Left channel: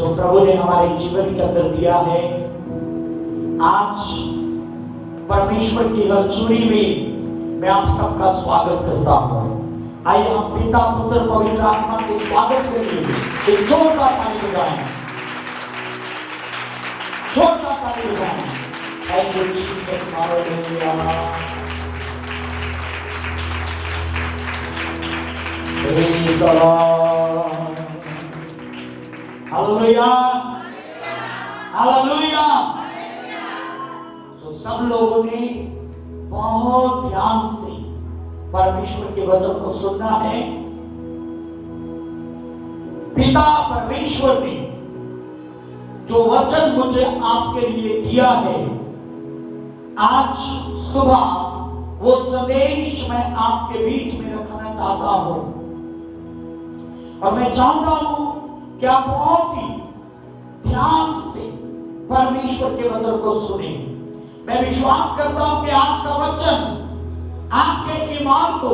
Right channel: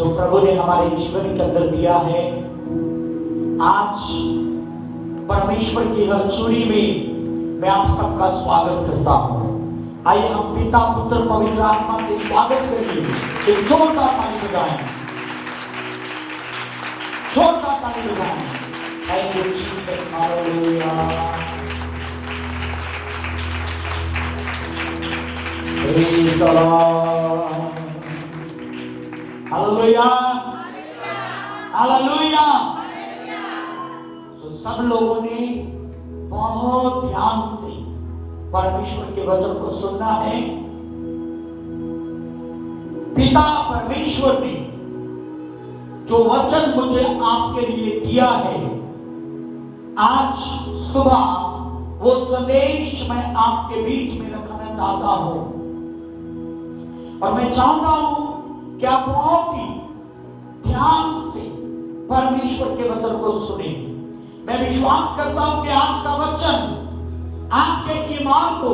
जो प्रभु ने हमारे जीवन के अंदर दिया है। आज परमेश्वर की हलचुड़ी में मैं आप सबका स्वागत करता हूँ। आइए हम पिता पुत्र पवित्र आत्मा के स्वागत करेंगे। एक जोरदार ताली बजाएं, जोरदार ताली बजाएं। Thank you Jesus, hallelujah, praise the Lord, hallelujah, hallelujah. तो सब लोगों ने बहुत ध्यान से परमेश्वर के वचन को सुनना है। पिता परमेश्वर ने जो वचन मुझे आपके लिए दिया है, आज सुबह वो संदेश मैं आपके बीच में रखना चाहता हूं। और मैं चाहता हूं कि आप बहुत ही ध्यान से परमेश्वर के वचन को सुने। मैं विश्वास करता हूं कि आज का वचन आपके ईमान को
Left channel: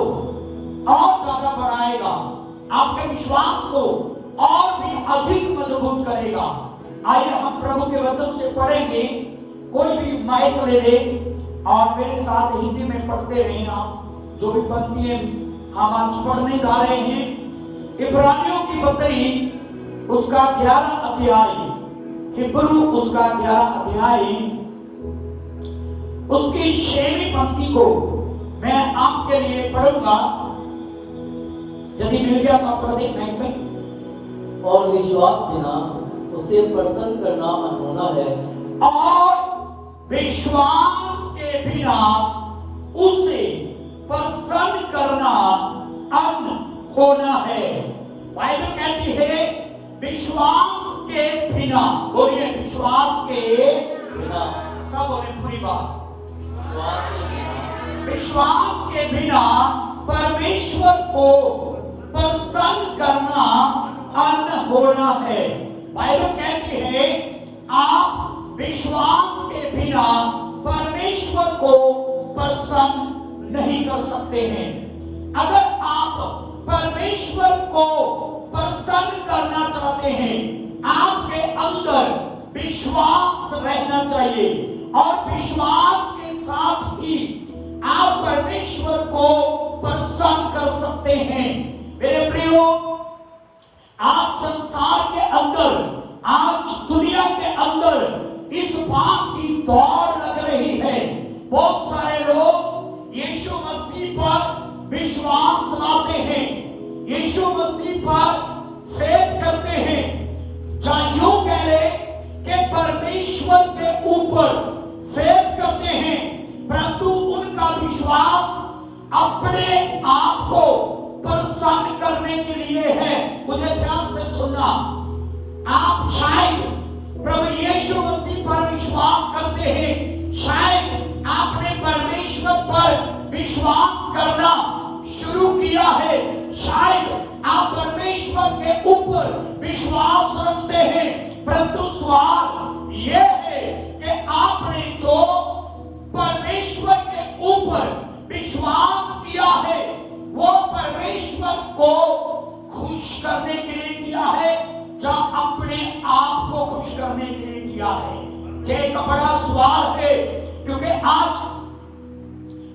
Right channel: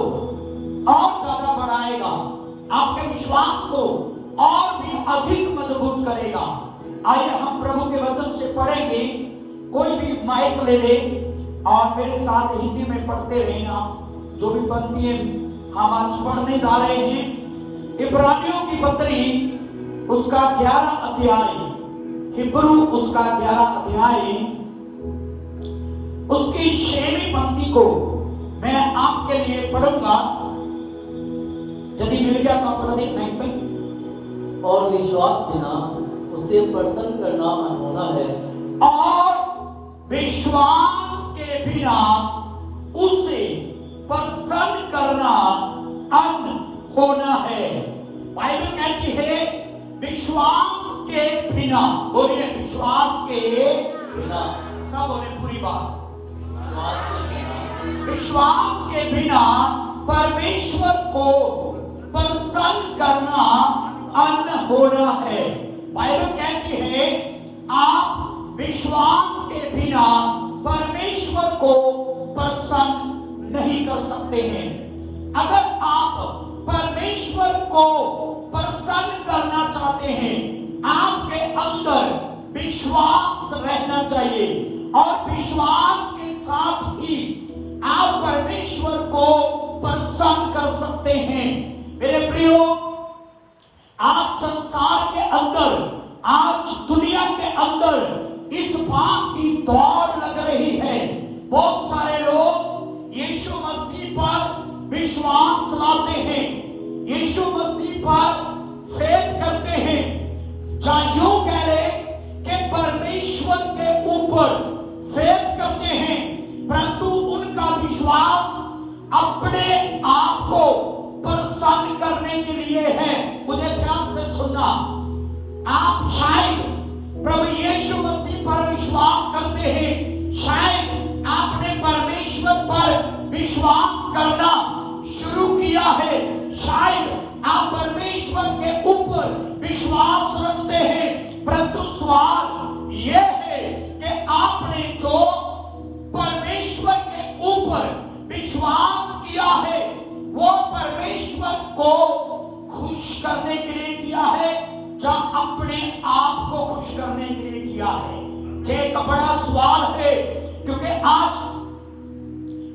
और ज्यादा बढ़ाएगा, आपके विश्वास को और भी अधिक मजबूत करेगा। आइए हम प्रभु के वचन से पढ़ेंगे। कोई भी माइक ले ले और मेरे साथ हिंदी में पढ़ते रहना। जो भी पंक्तियां हम आज पढ़ने जा रहे हैं, इब्रानियों की पत्री उसका 11 अध्याय, हिब्रू उसका 11 अध्याय, उसकी 6वीं पंक्ति को मैं आपके लिए पढ़ूंगा। यदि मिल गया तो आप पढ़ दें माइक में। और विश्वास बिना उसे प्रसन्न करना अनहोना है। और विश्वास के बिना उसे प्रसन्न करना अनहोना है। बाइबल कहती है विश्वास के बिना, बोलिए विश्वास के बिना, सब बोले पूरी बात। विश्वास के बिना, विश्वास के बिना परमेश्वर को प्रसन्न करना अनहोना है। बाइबल कहती है आप विश्वास के बिना परमेश्वर को प्रसन्न नहीं कर सकते हैं। अगर आप परमेश्वर को प्रसन्न करना चाहते हैं, आपके अंदर विश्वास रहना चाहिए और विश्वास के साथ ही आप परमेश्वर को प्रसन्न कर सकते हैं। मेरे प्रियो, आप संसार के अंदर, आज दुनिया के अंदर इस बात की दौड़ लग रही है। बहुत सारे लोग यीशु मसीह पर विश्वास लाते हैं, यीशु मसीह पर फेथ करते हैं। जहाँ यूं कह रहे कि परमेश्वर के ऊपर फेथ करते हैं, परंतु उनका विश्वास अपने आप को प्रसन्न करने के लिए है। मुझे ध्यान से सुनना। आप शायद प्रभु यीशु मसीह पर विश्वास करते हैं, शायद आपने परमेश्वर पर विश्वास करना शुरू किया है, शायद आप परमेश्वर के ऊपर विश्वास रखते हैं, परंतु सवाल यह है कि आपने जो परमेश्वर के ऊपर विश्वास किया है वो परमेश्वर को खुश करने के लिए किया है या अपने आप को खुश करने के लिए किया है? ये एक बड़ा सवाल है, क्योंकि आज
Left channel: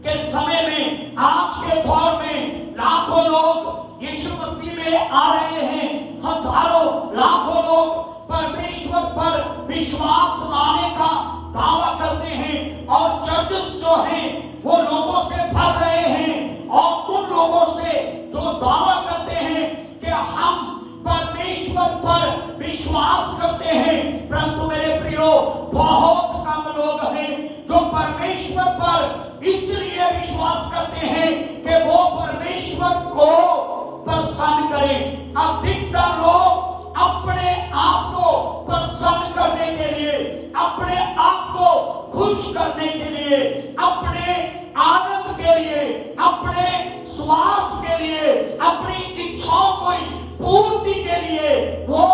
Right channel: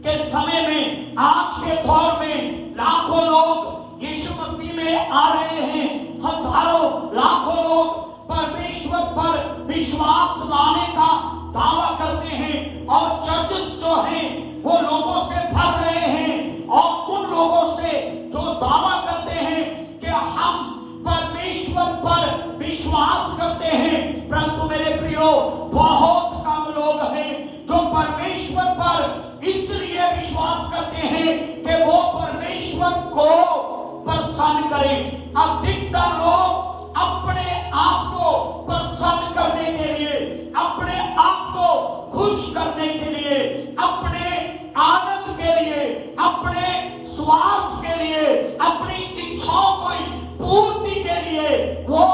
के समय में, आज के दौर में लाखों लोग यीशु मसीह में आ रहे हैं, हजारों लाखों लोग परमेश्वर पर विश्वास लाने का दावा करते हैं और चर्चेस जो हैं वो लोगों से भर रहे हैं और उन लोगों से जो दावा करते हैं कि हम परमेश्वर पर विश्वास करते हैं, परंतु मेरे प्रियो बहुत कम लोग हैं जो परमेश्वर पर इसलिए विश्वास करते हैं कि वो परमेश्वर को प्रसन्न करें। अधिकतर लोग अपने आप को प्रसन्न करने के लिए, अपने आप को खुश करने के लिए, अपने आनंद के लिए, अपने स्वार्थ के लिए, अपनी इच्छाओं की पूर्ति के लिए वो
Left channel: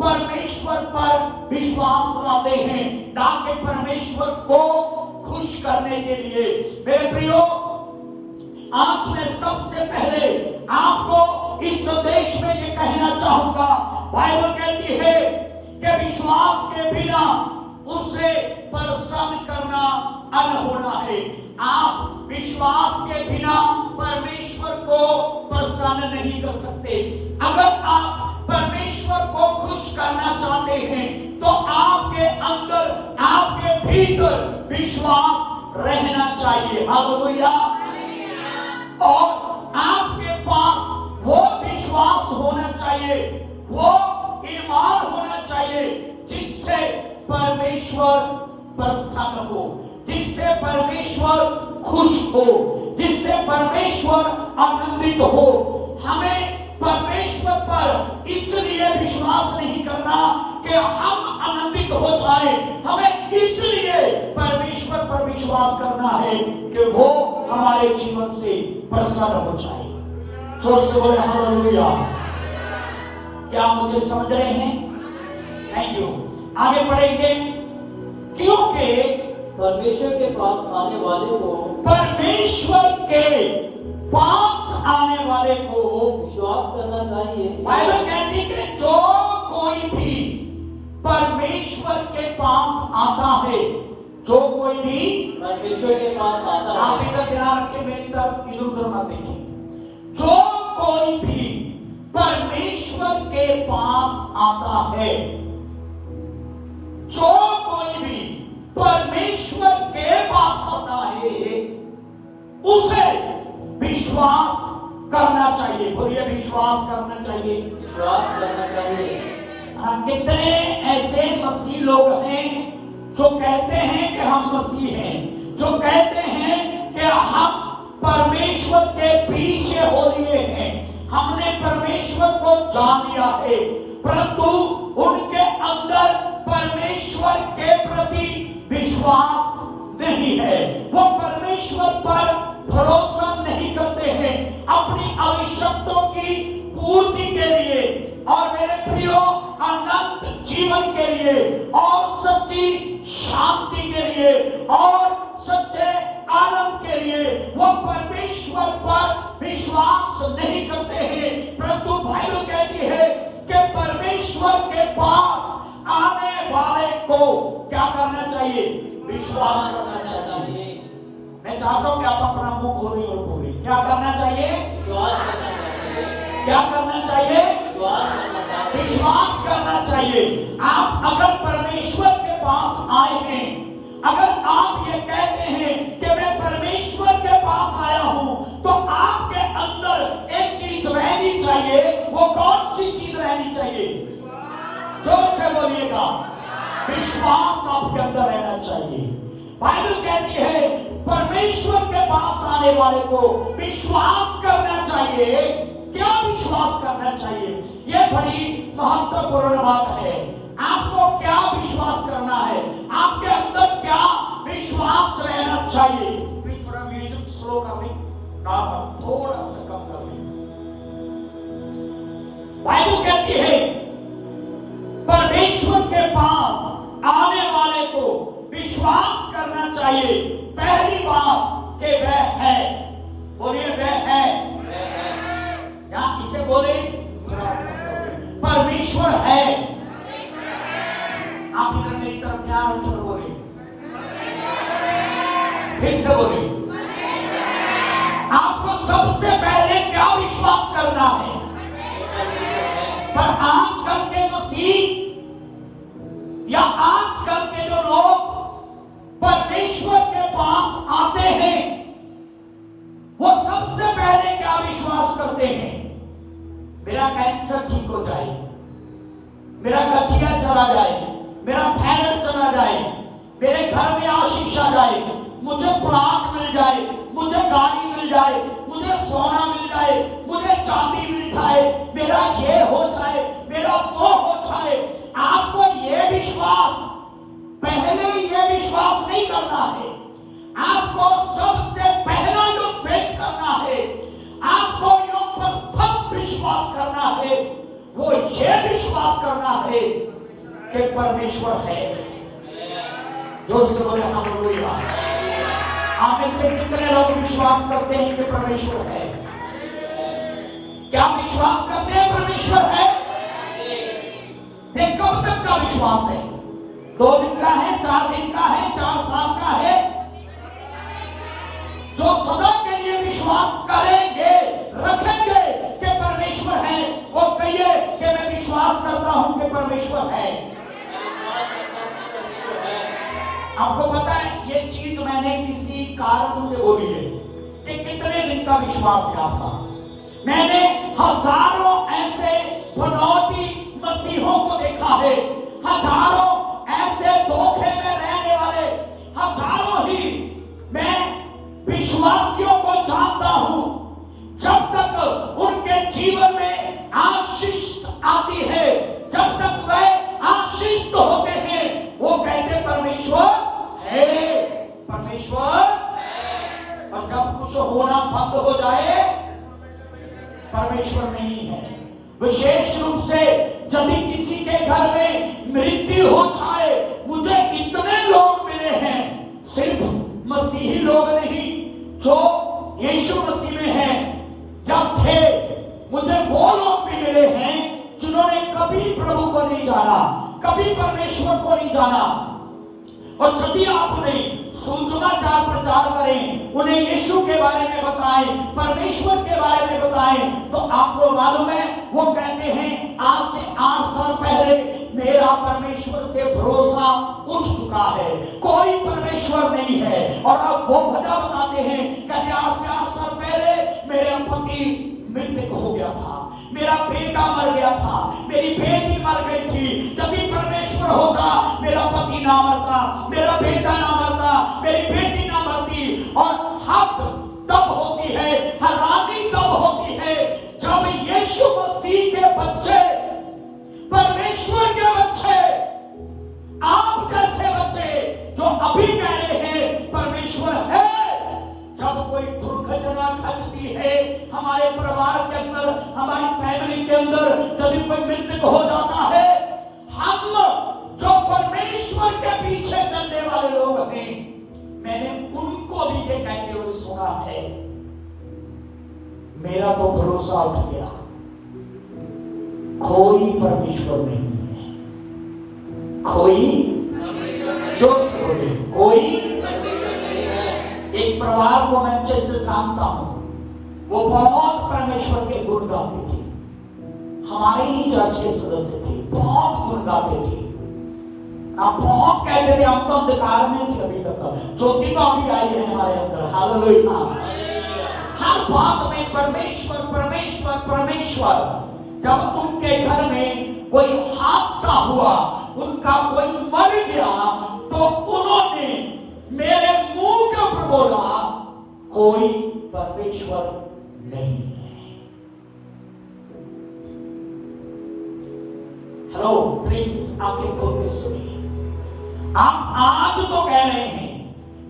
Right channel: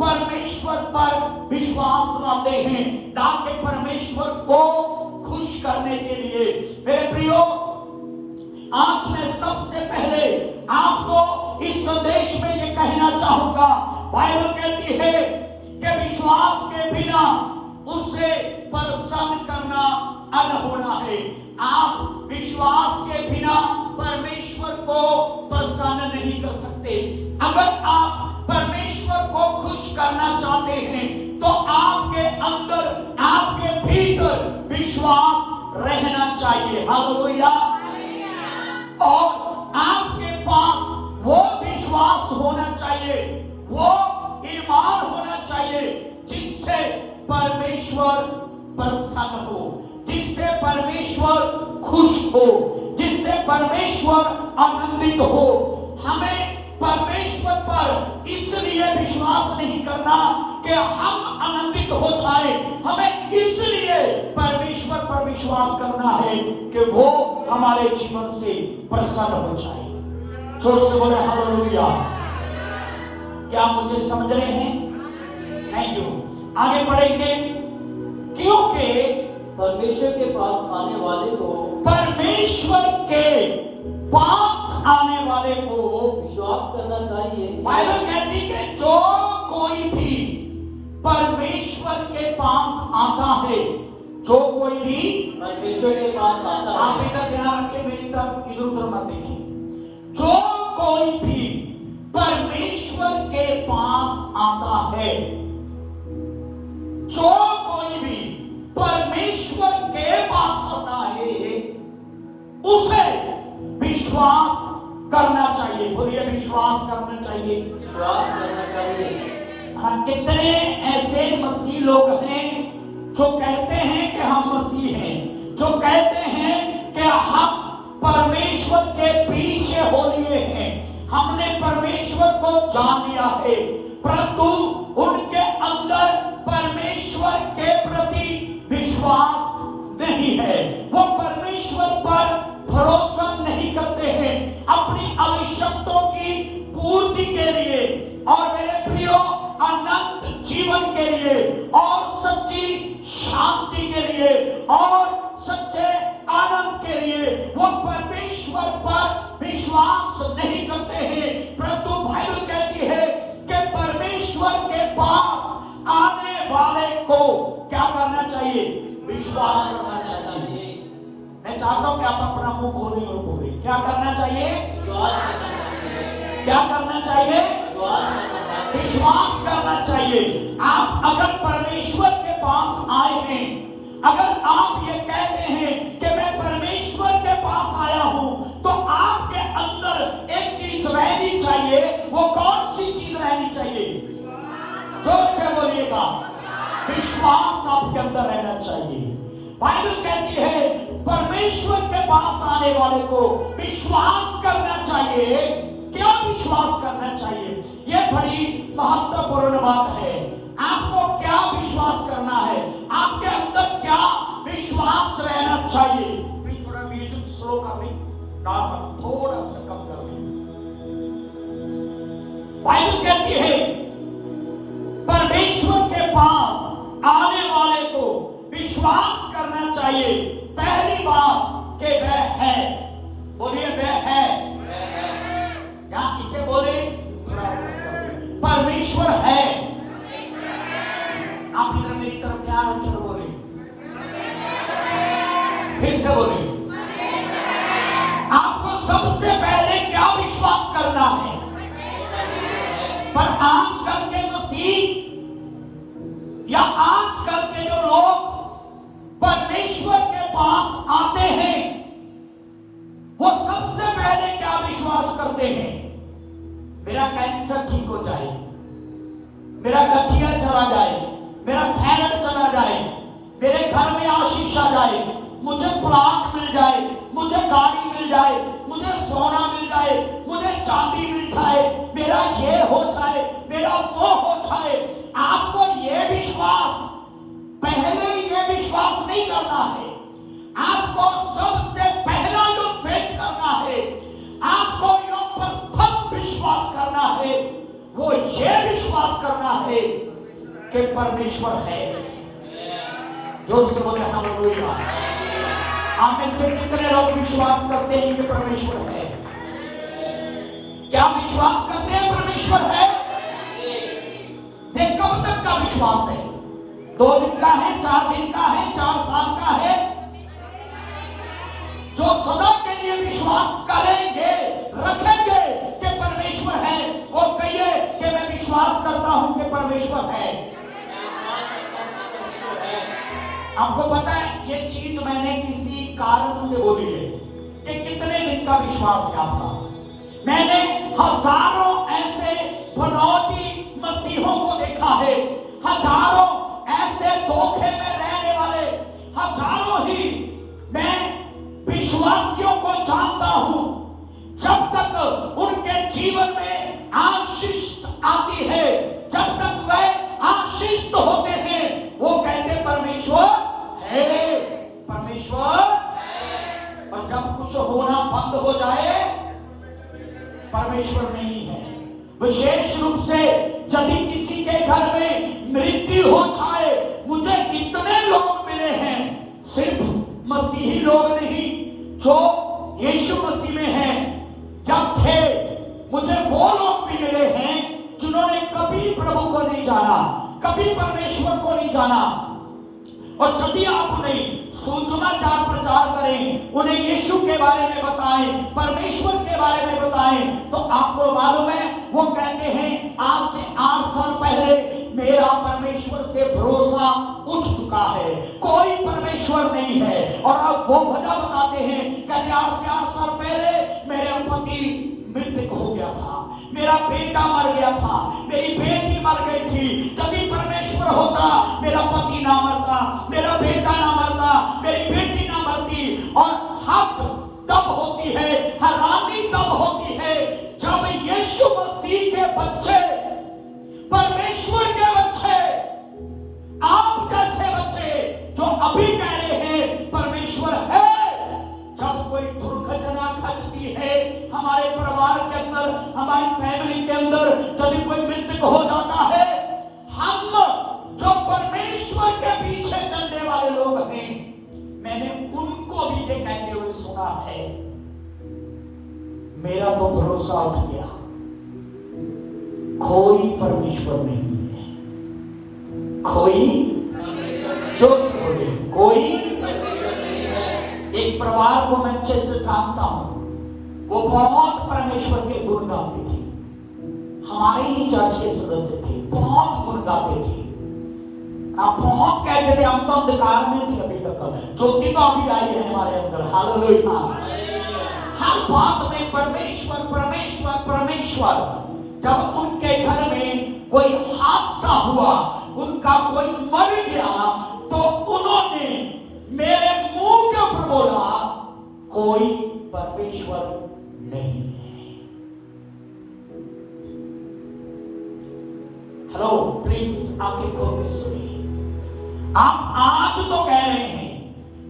परमेश्वर पर विश्वास लाते हैं, ना कि परमेश्वर को खुश करने के लिए। मेरे प्रियो, आज मैं सबसे पहले आपको इस संदेश में ये कहना चाहूंगा, बाइबल कहती है विश्वास के बिना उसे प्रसन्न करना अनहोना है। आप विश्वास के बिना परमेश्वर को प्रसन्न नहीं कर सकते। अगर आप परमेश्वर को खुश करना चाहते हैं तो आपके अंदर, आपके भीतर विश्वास रहना चाहिए। हालेलुया। और आपके पास वो विश्वास होना चाहिए, वो ईमान होना चाहिए जिससे परमेश्वर प्रसन्न हो, जिससे परमेश्वर खुश हो, जिससे परमेश्वर आनंदित हो। हमें परमेश्वर पर इसलिए विश्वास नहीं करना कि हम आनंदित हो जाए, हमें इसलिए परमेश्वर पर विश्वास करना है कि वो हमारे जीवन से प्रसन्न हो जाए। जोर से बोले हालेलुया। क्या मुझे समझ रहे हैं? Thank you. आगे पढ़ेंगे। क्योंकि परमेश्वर के पास आने वाले को, परमेश्वर के पास आने वाले को विश्वास करना चाहिए। बाइबल कहती है कि जो कोई भी परमेश्वर के पास आता है, जो कोई भी परमेश्वर के पास आता आप है, इधर ध्यान रखें, मेरी तरफ इधर उधर ना देखें। जो कोई भी परमेश्वर के पास आता है, जो कोई भी परमेश्वर के पास आता है, उसे विश्वास करना चाहिए। बोलिए विश्वास करना चाहिए। विश्वास करना चाहिए। कितने ऐसे मसीह लोग हैं जो कहते हैं कि हम मसीह हैं, जो कहते हैं कि हम परमेश्वर के पीछे हो लिए हैं, हमने परमेश्वर को जान लिया है, परंतु उनके अंदर परमेश्वर के प्रति विश्वास नहीं है। वो परमेश्वर पर भरोसा नहीं करते हैं अपनी आवश्यकताओं की पूर्ति के लिए और मेरे प्रियो अनंत जीवन के लिए और सच्ची शांति के लिए और सच्चे आनंद के लिए वो परमेश्वर पर विश्वास नहीं करते हैं। परंतु बाइबल कहती है कि परमेश्वर के पास आने वाले को क्या करना चाहिए? विश्वास करना चाहिए। मैं चाहता हूं कि आप अपना मुंह खोलें और बोलें, क्या करना चाहिए? विश्वास करना चाहिए। क्या करना चाहिए? विश्वास करना चाहिए। विश्वास करना चाहिए। आप अगर परमेश्वर के पास आए हैं, अगर आप ये कहते हैं कि मैं परमेश्वर के पास आया हूं, तो आपके अंदर एक चीज रहनी चाहिए। वो कौन सी चीज रहनी चाहिए? जोर से बोलिएगा। विश्वास आपके अंदर रहना चाहिए। बाइबल कहती है परमेश्वर के पास आने वाले को विश्वास करना चाहिए। क्या विश्वास करना चाहिए? यह बड़ी महत्वपूर्ण बात है। आपको क्या विश्वास करना है? आपके अंदर क्या विश्वास रहना चाहिए? प्लीज थोड़ा म्यूजिक स्लो कर लें, नॉर्मल थोड़ा सा कम कर लें। बाइबल कहती है परमेश्वर के पास आने वाले को विश्वास करना चाहिए। पहली बात कि वह है। बोलिए वह है। या इसे बोले परमेश्वर है। आप इधर मेरी तरफ ध्यान रखें तो बोले, फिर से बोले। आपको सबसे पहले क्या विश्वास करना है? पर आजकल के मसीह या आजकल के जो लोग परमेश्वर के पास आते हैं, वो सबसे पहले क्या विश्वास करते हैं? मेरा कैंसर ठीक हो जाए, मेरा गठिया चला जाए, मेरा थायराइड चला जाए, मेरे घर में आशीष आ जाए, मुझे प्लाट मिल जाए, मुझे गाड़ी मिल जाए, मुझे सोना मिल जाए, मुझे चांदी मिल जाए, मेरा ये हो जाए, मेरा वो हो जाए। आपको ये विश्वास, पहले ये विश्वास नहीं करना है। आपको सबसे पहला जो फेथ करना है, आपको जो प्रथम विश्वास करना है, वो ये विश्वास करना है कि परमेश्वर है। जो से बोले हालेलुया। आप में से कितने लोग विश्वास करते हैं कि परमेश्वर है? क्या विश्वास करते हैं परमेश्वर है? कब तक का विश्वास है? 2 दिन का है, 4 दिन का है, 4 साल का है? जो सदा के लिए विश्वास करेंगे, रखेंगे कि परमेश्वर है, वो कहिए कि मैं विश्वास करता हूं कि परमेश्वर है। आपको पता है ये चीज मैंने किसी कारण से बोली है कि कितने दिन का विश्वास है आपका। मैंने हजारों ऐसे बनावटी मसीहों को देखा है, हजारों ऐसे धोखे में रहने वाले, हजारों ही मैं विश्वासियों को जानता हूं। जब तक उनके जीवन में आशीष आती है, जब तक वे आशीष होते हैं, वो कहते परमेश्वर है, परमेश्वर। और जब कुछ होना बंद हो जाए, परमेश्वर नहीं है। विशेष रूप से यदि किसी के घर में मृत्यु हो जाए, मुझे इतने लोग मिले हैं, सिर्फ मसीही लोग नहीं, जो यीशु मसीह में हैं या थे, मुझे वो लोग भी मिले हैं जिन्होंने कभी प्रभु को नहीं जाना, कभी परमेश्वर को नहीं जाना। और जब भी आप उन्हें सुसमाचार प्रचार करें, उन्हें यीशु के बारे में बताएं, परमेश्वर के बारे में बताएं, तो आपको मालूम है वो कहते हैं आज से 8 साल पहले मेरा परमेश्वर से भरोसा उठ चुका है, कोई परमेश्वर नहीं है। और अब वो वजह बताते हैं कि आज से 8 साल पहले मेरा पति मृतक हो गया था, मेरा बेटा मर गया था, मेरी बेटी मर गई थी। यदि परमेश्वर होता, मेरा पति ना मरता, मेरा बेटा ना मरता, मेरी बेटी ना मरती। और हक तब होती है, हैरानी तब होती है जब यीशु मसीह के बच्चे, परमेश्वर के बच्चे, आप जैसे बच्चे जो अभी कह रहे हैं परमेश्वर है, जब कोई दुर्घटना घटती है हमारे परिवार के अंदर, हमारी फैमिली के अंदर, यदि कोई मृतक हो जाता है, हम जो परमेश्वर के पीछे चलने वाले लोग हैं, मैंने उनको भी ये कहते हुए सुना है, मेरा तो भरोसा उठ गया, कोई परमेश्वर नहीं है, कोई दोस्त बोले, कोई। एक परिवार को मैं अच्छे से जानता हूं, वो बहुत परमेश्वर के गुण गाते थे, हमारे ही चर्च के सदस्य थे, बहुत गुण गाते थे, आप बहुत कहते थे, हम तो अंधकार में थे अभी तक, ज्योति तो अभी आई है हमारे अंदर, हालेलुया। हर बात में परमेश्वर परमेश्वर परमेश्वर। जब उनके घर में कोई हादसा हुआ, उनका कोई मर गया, तो उन्होंने मेरे मुंह के ऊपर बोला कोई परमेश्वर नहीं है। हेलो, प्लीज आपके खोल के सुनिए। आप आज तो कह रहे हैं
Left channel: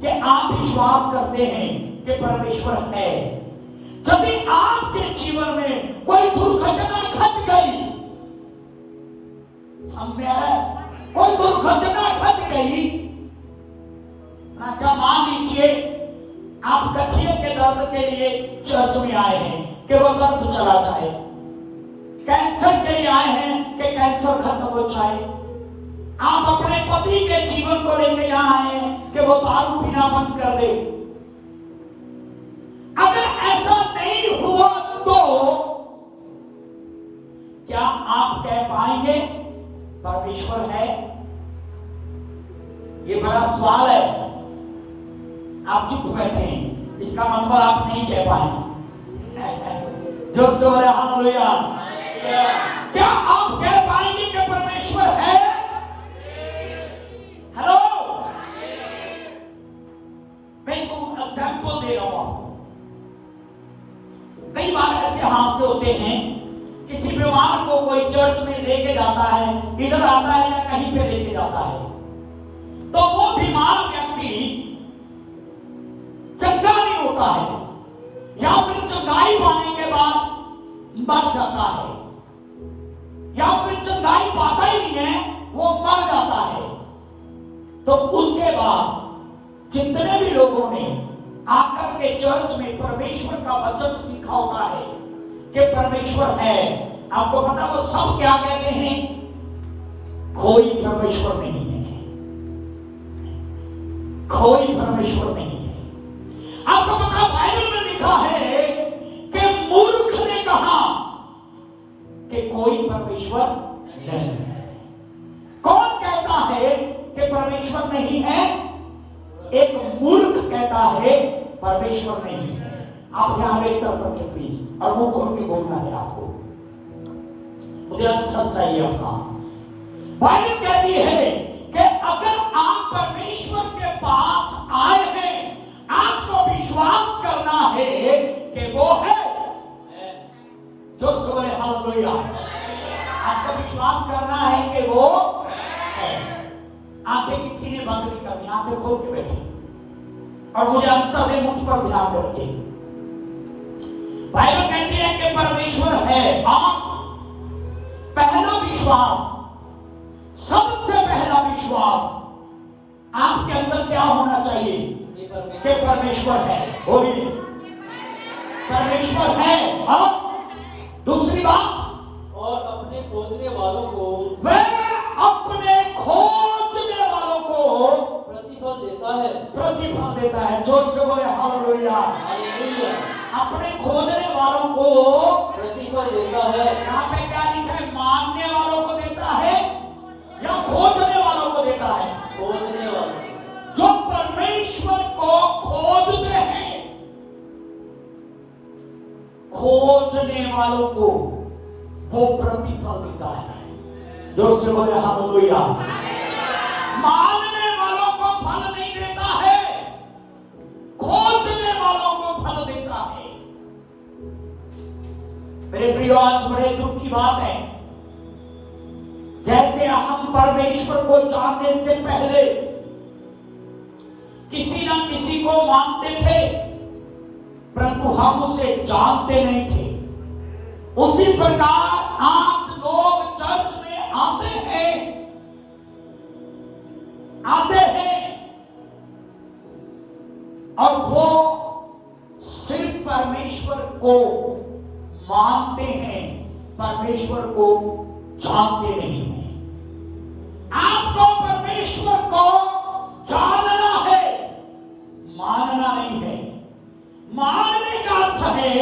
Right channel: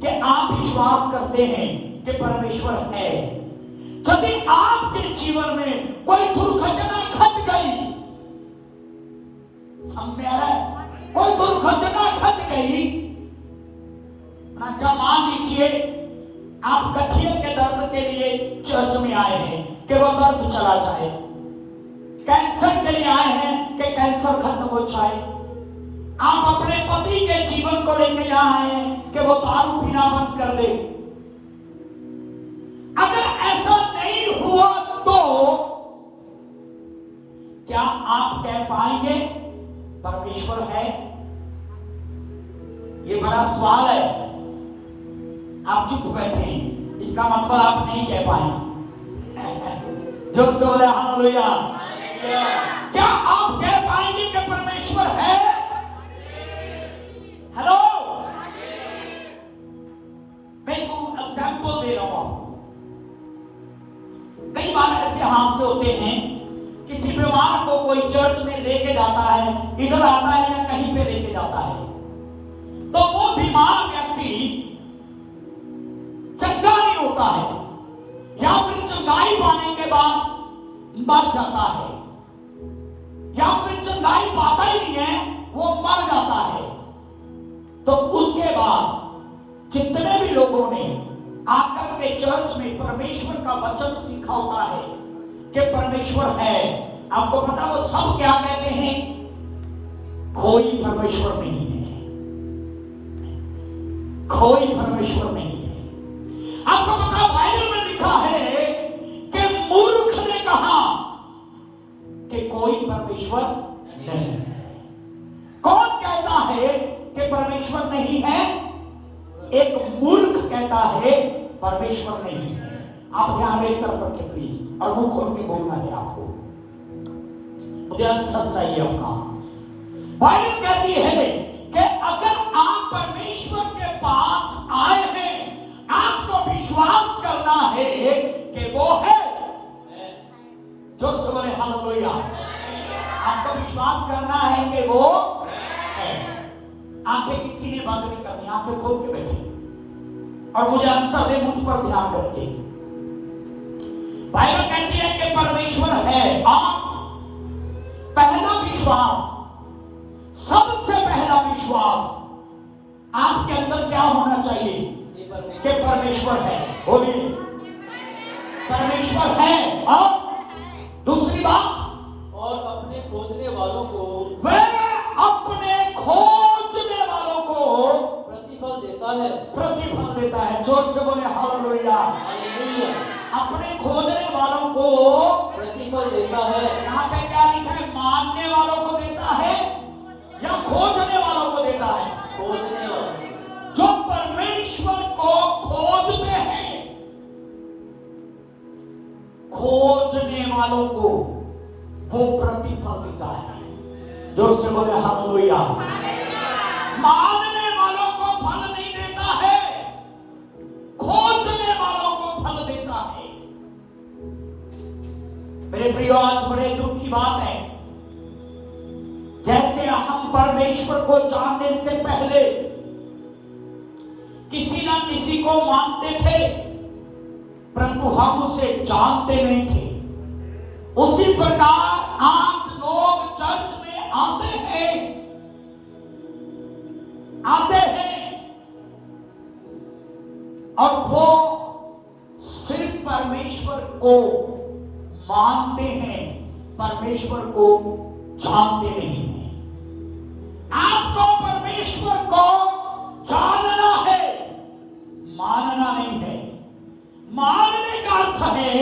कि आप विश्वास करते हैं कि परमेश्वर है। यदि आपके जीवन में कोई दुर्घटना घट गई, कोई दुर्घटना घट गई, अच्छा मान लीजिए आप गठिया के दर्द के लिए चर्च में आए हैं कि वह दर्द चला जाए, कैंसर के लिए आए हैं कि कैंसर खत्म हो जाए, आप अपने पति के जीवन को लेकर आए हैं कि वो दारू पीना बंद कर दे। अगर ऐसा नहीं हुआ तो क्या आप कह पाएंगे परमेश्वर है? ये बड़ा सवाल है। आप चुप बैठे हैं, इसका मतलब आप नहीं कह पाएंगे। जोर से बोले हालेलुया। क्या आप कह पाएंगे कि परमेश्वर है? हेलो, मैं एक एग्जाम्पल दे रहा हूं। कई बार ऐसे हादसे होते हैं, किसी बीमार को कोई चर्च में लेके जाता है, इधर आता है या कहीं पे लेके जाता है, तो वो बीमार व्यक्ति चंगा नहीं होता है, या फिर चंगाई पाने के बाद मर जाता है, या फिर चंगाई पाता ही नहीं है, वो मर जाता है। तो उसके बाद जितने भी लोगों ने आकर के चर्च में परमेश्वर का वचन सीखा होता है कि परमेश्वर है, आपको पता वो सब क्या कहते हैं? कोई परमेश्वर नहीं है, कोई परमेश्वर नहीं है। आपको पता बाइबल में लिखा है कि मूर्ख ने कहा कि कोई परमेश्वर नहीं है। कौन कहता है कि परमेश्वर नहीं है? एक मूर्ख कहता है परमेश्वर नहीं है। आप ध्यान एक तरफ रखें प्लीज, और मुंह खोल के बोलना है आपको, मुझे आंसर चाहिए आपका। बाइबल कहती है कि अगर आप परमेश्वर के पास आए हैं, आपको विश्वास करना है कि वो है। जोर से बोले हालेलुया। आपको विश्वास करना है कि वो है। आंखें किसी ने बंद नहीं करनी, आंखें खोल के बैठे और मुझे आंसर दे, मुझ पर ध्यान करके। बाइबल कहती है कि परमेश्वर है। और पहला विश्वास, सबसे पहला विश्वास आपके अंदर क्या होना चाहिए? कि परमेश्वर है। बोलिए परमेश्वर है। और दूसरी बात, और अपने खोजने वालों को वह अपने खोजने वालों को प्रतिफल देता है। प्रतिफल देता है। जोर से बोले हालेलुया। हालेलुया। अपने खोजने वालों को प्रतिफल देता है। यहाँ पे क्या लिखा है? मानने वालों को देता है या खोजने वालों को देता है? खोजने वालों। जो परमेश्वर को खोजते हैं, खोजने वालों को वो प्रतिफल देता है। जोर से बोले हालेलुया। मानने वालों को फल नहीं देता है, खोजने वालों को फल देता है। मेरे प्रियो, आज बड़े दुख की बात है, जैसे हम परमेश्वर को जानने से पहले किसी ना किसी को मानते थे, परंतु हम उसे जानते नहीं थे। उसी प्रकार आज लोग चर्च में आते हैं और वो सिर्फ परमेश्वर को मानते हैं, परमेश्वर को जानते नहीं हैं। आपको परमेश्वर को जानना है, मानना नहीं है। मानने का अर्थ है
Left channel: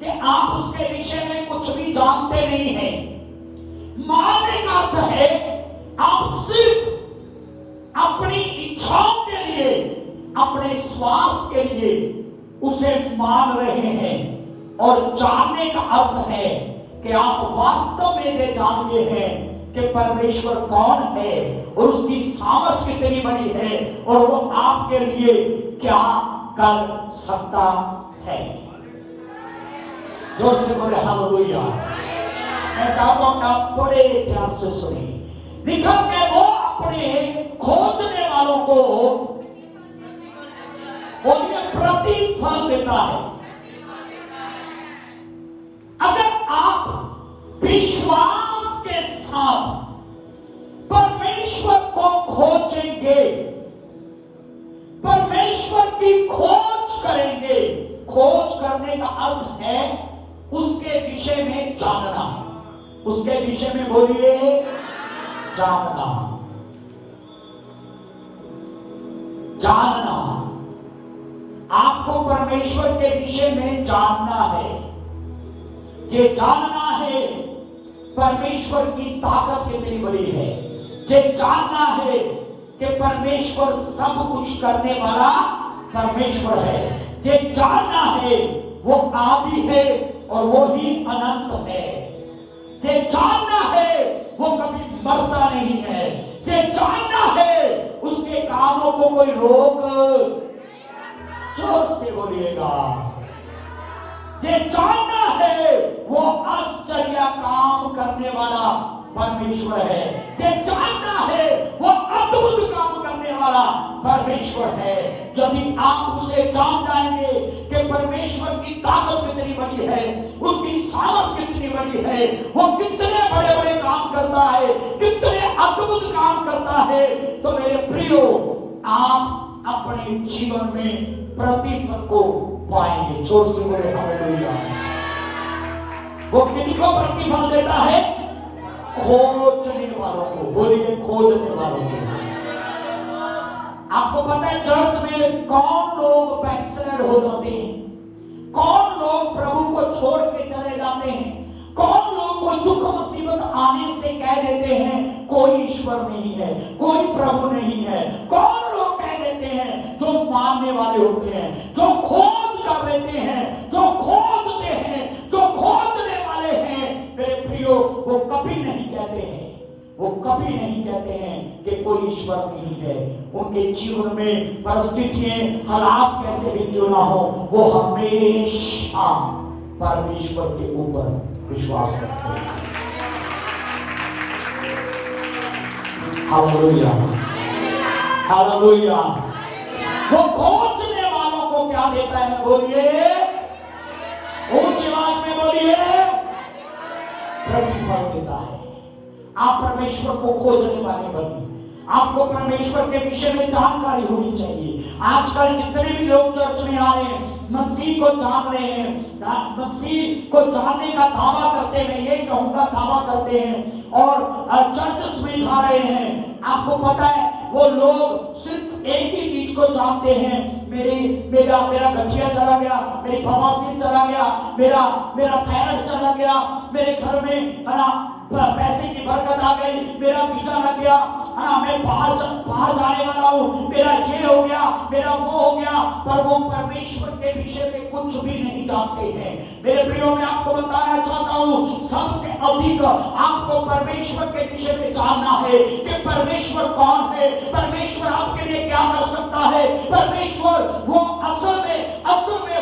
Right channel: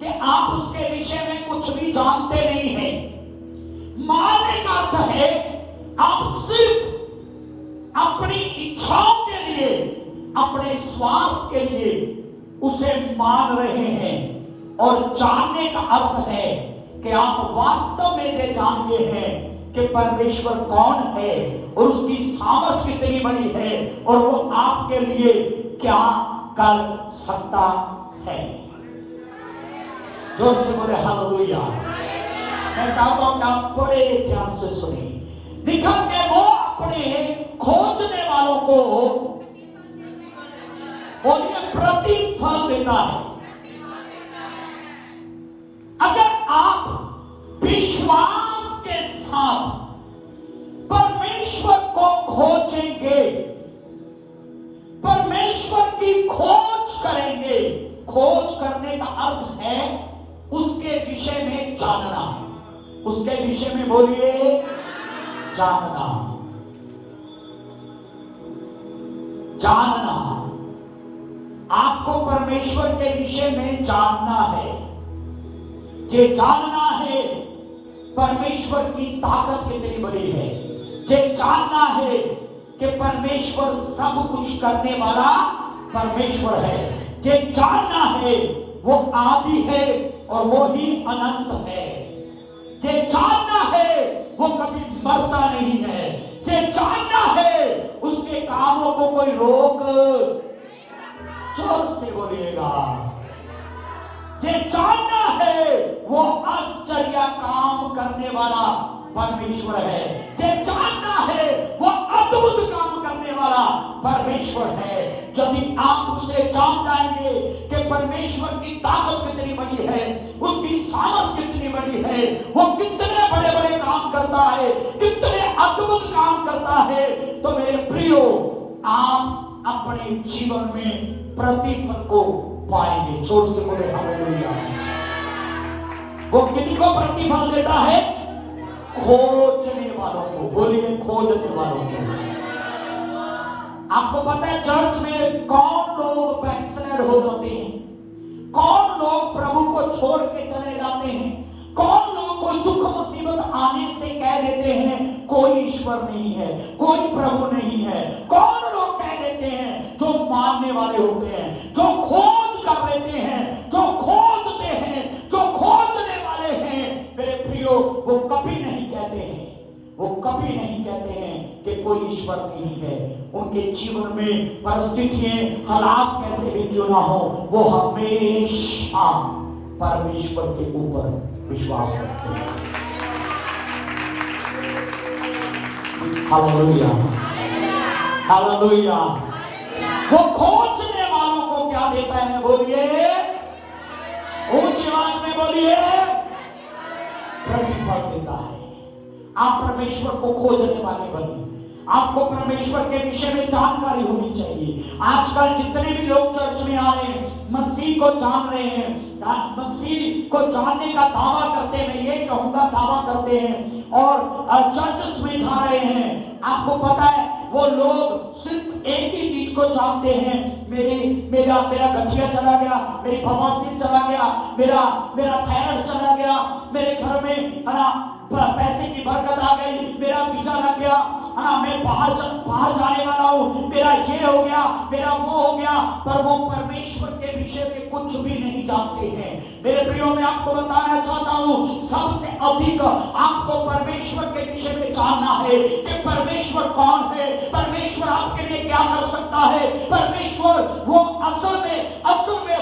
कि आप उसके विषय में कुछ भी जानते नहीं हैं। मानने का अर्थ है आप सिर्फ अपनी इच्छाओं के लिए, अपने स्वार्थ के लिए उसे मान रहे हैं। और जानने का अर्थ है कि आप वास्तव में ये जानते हैं कि परमेश्वर कौन है और उसकी सामर्थ्य कितनी बड़ी है और वो आपके लिए क्या कर सकता है। जोर से बोले हालेलुया। मैं चाहता हूं कि आप बड़े ध्यान से सुनिए। लिखा कि वो अपने खोजने वालों को बोलिए प्रतिफल देता है। अगर आप विश्वास के साथ परमेश्वर को खोजेंगे, परमेश्वर की खोज करेंगे, खोज करने का अर्थ है उसके विषय में जानना। उसके विषय में बोलिए जानना। जानना, आपको परमेश्वर के विषय में जानना है। ये जानना है परमेश्वर की ताकत कितनी बड़ी है। ये जानना है कि परमेश्वर सब कुछ करने वाला परमेश्वर है। ये जानना है वो आदि है और वो ही अनंत है। ये जानना है वो कभी मरता नहीं है। ये जानना है उसके कामों को कोई रोक, जोर से बोलिएगा। ये जानना है वो आश्चर्य काम करने वाला परमेश्वर है। ये जानना है वो अद्भुत काम करने वाला परमेश्वर है। जब भी आप उसे जान जाएंगे कि परमेश्वर की ताकत कितनी बड़ी है, उसकी सामर्थ कितनी बड़ी है, वो कितने बड़े बड़े काम करता है, कितने अद्भुत काम करता है, तो मेरे प्रियो आप अपने जीवन में प्रतिफल को पाएंगे। जोर से बोले हालेलुया। वो किसी को प्रतिफल देता है? खोजने वालों को, बोलिए खोजने वालों को। आपको पता है चर्च में कौन लोग बैकस्लाइड हो जाते हैं, कौन लोग प्रभु को छोड़ के चले जाते हैं, कौन लोग कोई दुख मुसीबत आने से कह देते हैं कोई ईश्वर नहीं है, कोई प्रभु नहीं है। कौन लोग कह देते हैं जो मानने वाले होते हैं, जो खोज कर लेते हैं, जो खोजते हैं, जो खोजने वाले हैं। मेरे प्रियो, वो कभी नहीं कहते हैं, वो कभी नहीं कहते हैं कि कोई ईश्वर नहीं है। उनके जीवन में परिस्थितियां, हालात कैसे भी क्यों ना हो, वो हमेशा परमेश्वर के ऊपर विश्वास करते हैं। Hallelujah, hallelujah. वो खोजने वालों को क्या देता है? बोलिए, ऊंची आवाज में बोलिए, प्रतिफल देता है। आप परमेश्वर को खोजने वाले बनिए। आपको परमेश्वर के विषय में जानकारी होनी चाहिए। आजकल जितने भी लोग चर्च में आ रहे हैं, मसीह को जान रहे हैं, मसीह को जानने का दावा करते हैं, मैं ये कहूंगा दावा करते हैं और चर्च में जा रहे हैं। आपको पता है वो लोग सिर्फ एक ही चीज को जानते हैं, मेरा गठिया चला गया, मेरी बवासीर चला गया, मेरा थायराइड चला गया, मेरे घर में पैसे की बरकत आ गई, मेरा वीजा लग गया, है ना, मैं बाहर जाने वाला हूँ, मेरा ये हो गया, मेरा वो हो गया। पर वो परमेश्वर के विषय में कुछ भी नहीं जानते हैं। मेरे प्रियो, मैं आपको बताना चाहता हूँ, सबसे अधिक आपको परमेश्वर के विषय में जानना है कि परमेश्वर कौन है, परमेश्वर आपके लिए क्या कर सकता है, परमेश्वर वो असल में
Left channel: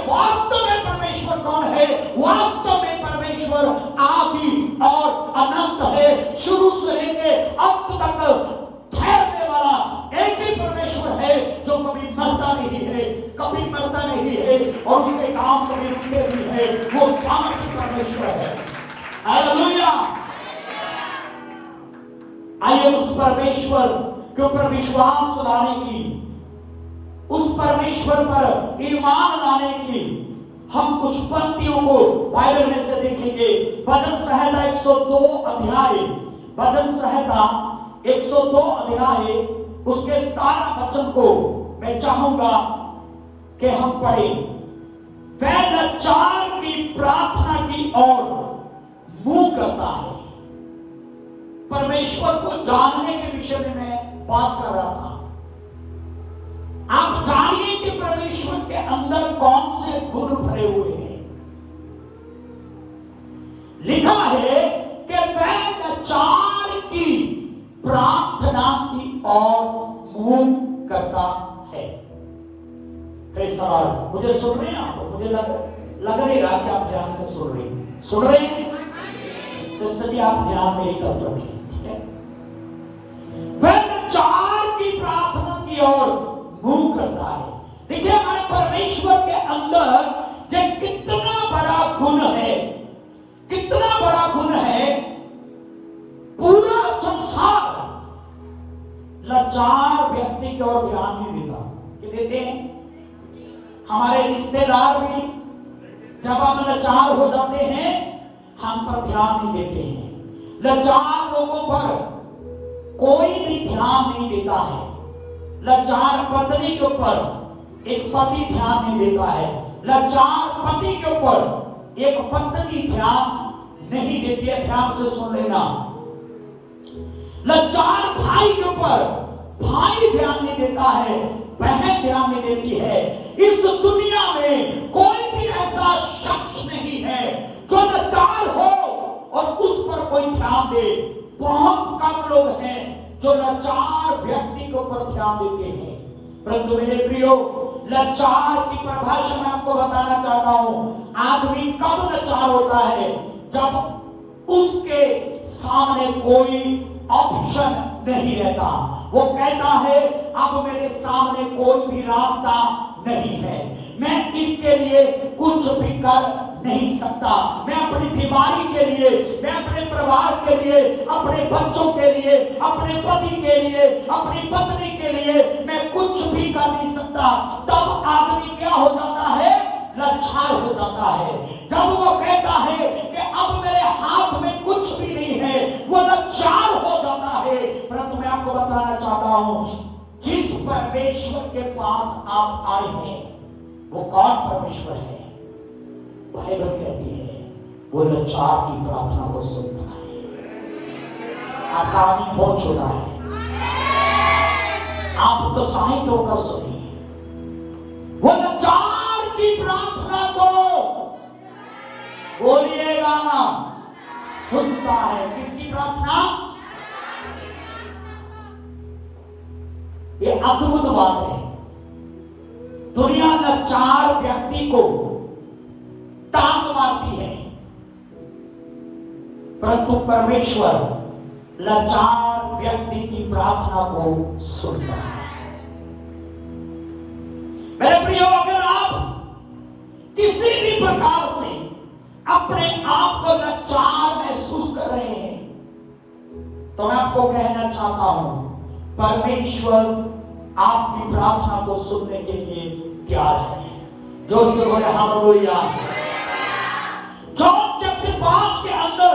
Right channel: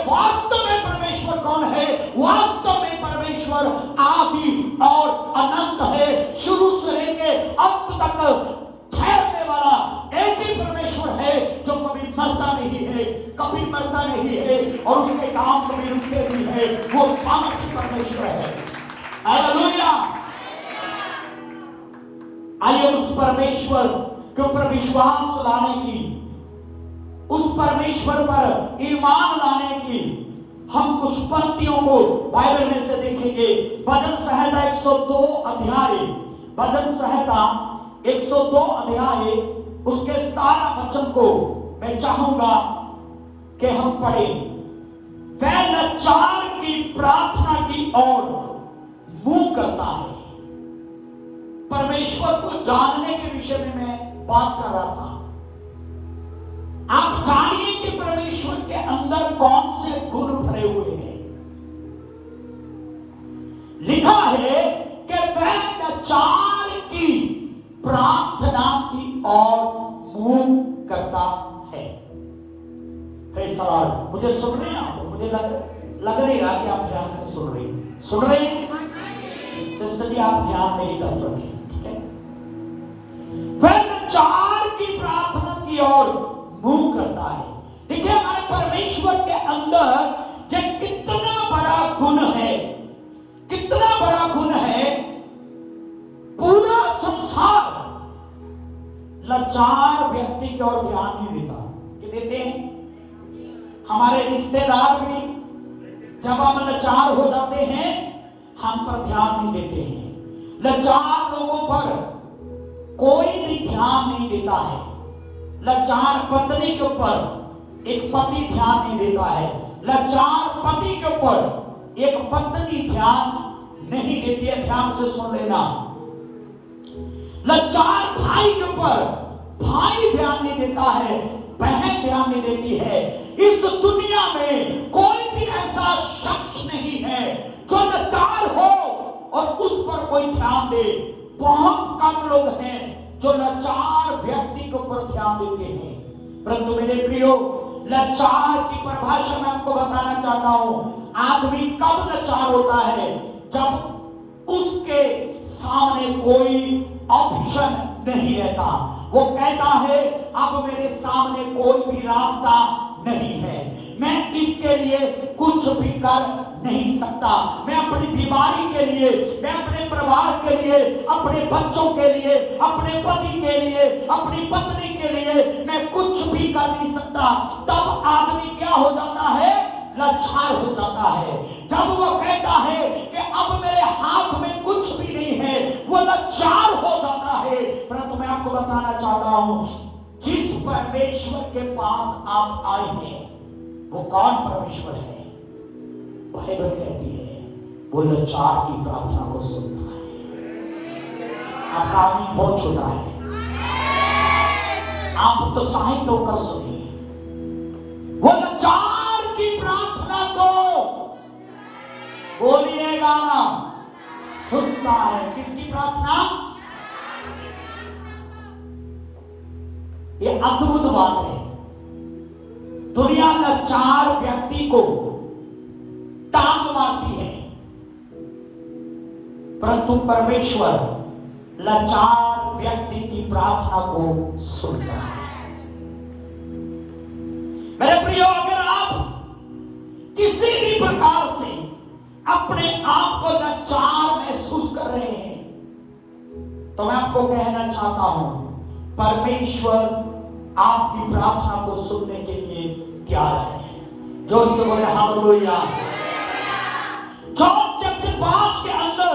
वास्तव में परमेश्वर कौन है। वास्तव में परमेश्वर आदि और अनंत है, शुरू से लेके अंत तक ठहरने वाला एक ही परमेश्वर है जो कभी मरता नहीं है, कभी मरता नहीं है और उसके काम कभी रुकते नहीं है। वो शांति परमेश्वर है। हालेलुया। आइए उस परमेश्वर के ऊपर विश्वास लाने की, उस परमेश्वर पर ईमान लाने की हम कुछ पंक्तियों को बाइबल में से देखेंगे। भजन संहिता 102 अध्याय, भजन संहिता 102 अध्याय उसके 17 वचन को मैं चाहूंगा कि हम पढ़ें। वह लाचार की प्रार्थना की ओर मुंह करता है। परमेश्वर को जानने के विषय में मैं बात कर रहा था। आप जानिए कि परमेश्वर के अंदर कौन से गुण भरे हुए हैं। लिखा है कि वह लाचार की प्रार्थना की ओर मुंह करता है। फिर सवाल, मुझे सुन रहे हैं आप? मुझे लग नहीं रहा कि आप ध्यान से सुन रहे हैं। सिस्टर जी, आप ध्यान मेरी तरफ रखें, ठीक है? वह लाचार की प्रार्थना की ओर मुंह करता है। देखिए, हमारे परमेश्वर के अंदर ये कितना बड़ा गुण है, कितना बड़ा गुण है। पूरा संसार लाचार व्यक्ति की ओर ध्यान नहीं देता। कि देते हैं हमारे रिश्तेदार भी, जब हम लाचार हो जाते हैं हम पर ध्यान नहीं देते हैं। लाचार लोगों पर कोई भी ध्यान नहीं देता है। लाचार पत्नी के ऊपर एक पति ध्यान नहीं देता है। लाचार पति के ऊपर एक पत्नी ध्यान नहीं देती है। ध्यान से सुन लेना। लाचार भाई के ऊपर भाई ध्यान नहीं देता है, बहन ध्यान नहीं देती है। इस दुनिया में कोई भी ऐसा शख्स नहीं है जो लाचार हो और उस पर कोई ध्यान दे। बहुत कम लोग हैं जो लाचार व्यक्ति के ऊपर ध्यान देते हैं। परंतु मेरे प्रियो, लाचार की परिभाषा मैं आपको बताना चाहता हूं। आदमी कब लाचार होता है? जब उसके सामने कोई ऑप्शन नहीं रहता। वो कहता है अब मेरे सामने कोई भी रास्ता नहीं है, मैं इसके लिए कुछ भी कर नहीं सकता। मैं अपनी बीमारी के लिए, मैं अपने परिवार के लिए, अपने बच्चों के लिए, अपने पति के लिए, अपनी पत्नी के लिए मैं कुछ भी कर नहीं सकता। तब आदमी क्या हो जाता है? लाचार हो जाता है, जब वो कहता है कि अब मेरे हाथ में कुछ भी नहीं है, वो लाचार हो जाता है। परंतु मैं आपको बताना चाहता हूं, जिस परमेश्वर के पास आप आए हैं वो कौन परमेश्वर है? बाइबल कहती है वो लाचार की प्रार्थना को सुनता है। आपका आमीन बहुत छोटा है, आप उत्साहित होकर सुनिए। वो लाचार की प्रार्थना को बोलिएगा सुनता है। किसकी प्रार्थना? ये अद्भुत बात है। दुनिया लाचार व्यक्ति को टांग मारती है, परंतु परमेश्वर लाचार व्यक्ति की प्रार्थना को सुनता है। मेरे प्रियो, अगर आप किसी भी प्रकार से अपने आप को लाचार महसूस कर रहे हैं, तो मैं आपको कहना चाहता हूं, परमेश्वर आपकी प्रार्थना को सुनने के लिए तैयार है। जोर से बोले हालेलुया। जॉन चैप्टर 5 के अंदर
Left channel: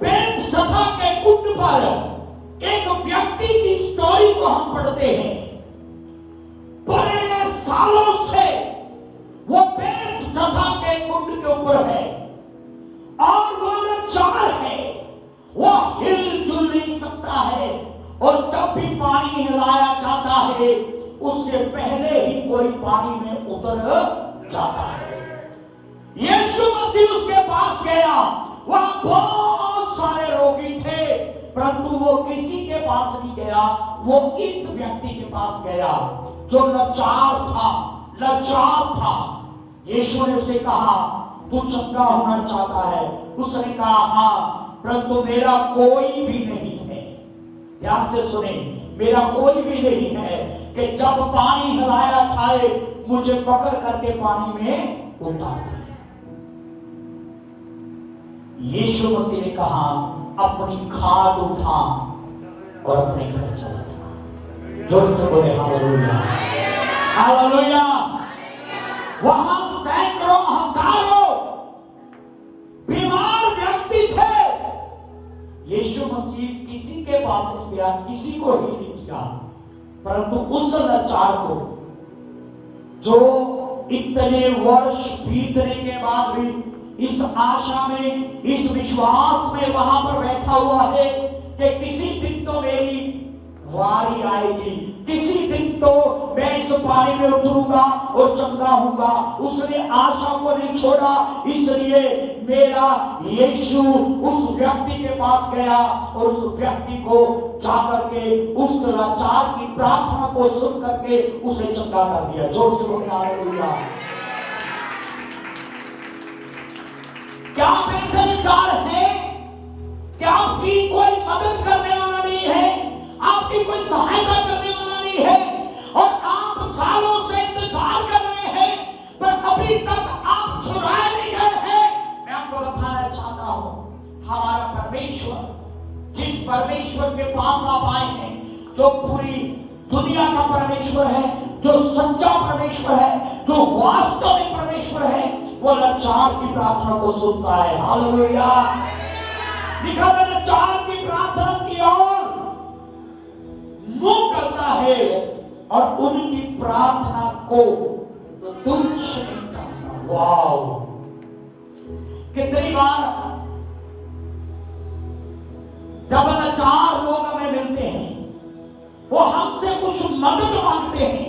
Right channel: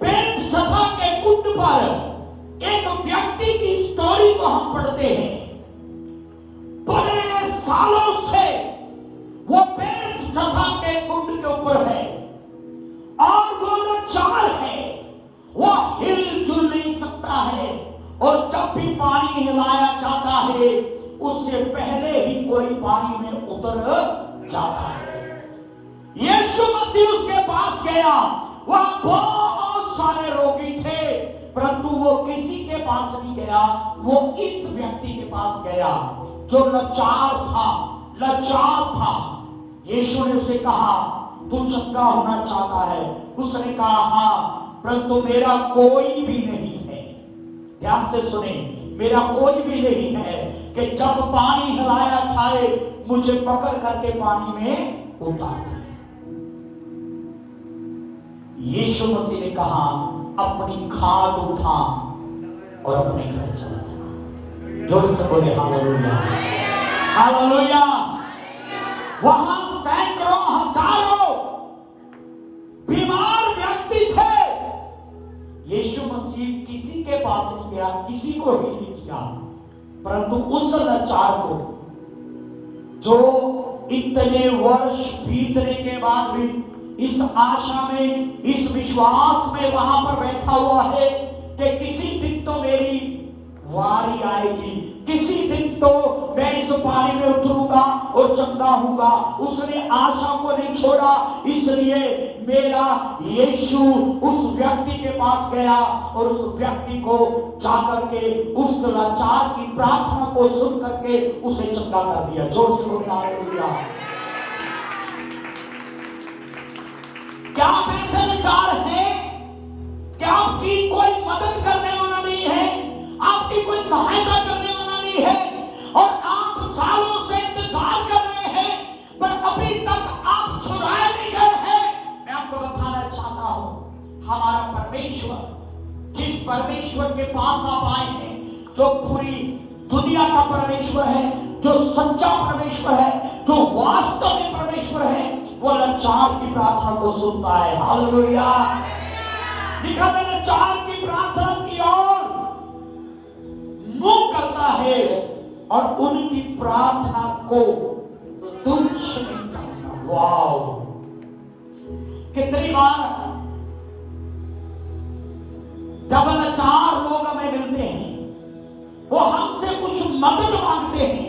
बेतजथा के कुंड पर एक व्यक्ति की स्टोरी को हम पढ़ते हैं। बड़े सालों से वो बेतजथा के कुंड के ऊपर है और वो लाचार है, वो हिलजुल नहीं सकता है, और जब भी पानी हिलाया जाता है उससे पहले ही कोई पानी में उतर जाता है। यीशु मसीह उसके पास गया, वहां बहुत सारे रोगी थे, परंतु वो किसी के पास नहीं गया, वो इस व्यक्ति के पास गया जो लाचार था। यीशु ने उसे कहा, तू चंगा होना चाहता है? उसने कहा हाँ, परंतु मेरा कोई भी नहीं है। ध्यान से सुने, मेरा कोई भी नहीं है कि जब पानी हिलाया जाए मुझे पकड़ करके पानी में उतार दे। यीशु मसीह ने कहा, अपनी खाट उठा और अपने घर चला जा। जोर से बोले हालेलुया, हालेलुया। वहां सैकड़ों हजारों बीमार व्यक्ति थे। यीशु मसीह किसी के पास नहीं गया, किसी को ही नहीं किया, परंतु उस लाचार को जो इतने वर्ष बीतने के बाद भी इस आशा में, इस विश्वास में वहां पर बैठा हुआ है कि किसी दिन तो मेरी वारी आएगी, किसी दिन तो मैं इस पानी में उतरूंगा और चंगा होऊंगा, उसने आशा को नहीं छोड़ा। इसलिए मेरा यीशु उस व्यक्ति के पास गया और उस व्यक्ति को जाकर के उस लाचार की प्रार्थना को सुन करके उसे चंगा कर दिया। जोर से बोलिए हालेलुया। क्या आप ऐसे लाचार हैं? क्या आपकी कोई मदद करने वाला नहीं है, आपकी कोई सहायता करने वाला नहीं है, और आप सालों से इंतजार कर रहे हैं पर अभी तक आप छुड़ाए नहीं गए हैं? मैं आपको बताना चाहता हूं, हमारा परमेश्वर, जिस परमेश्वर के पास आप आए हैं, जो पूरी दुनिया का परमेश्वर है, जो सच्चा परमेश्वर है, जो वास्तविक परमेश्वर है, वो लाचार की प्रार्थना को सुनता है। हालेलुया। लिखा है लाचार की प्रार्थना की ओर मुंह करता है और उनकी प्रार्थना को तुच्छ नहीं जानता। वाओ, कितनी बार जब लाचार लोग हमें मिलते हैं, वो हमसे कुछ मदद मांगते हैं,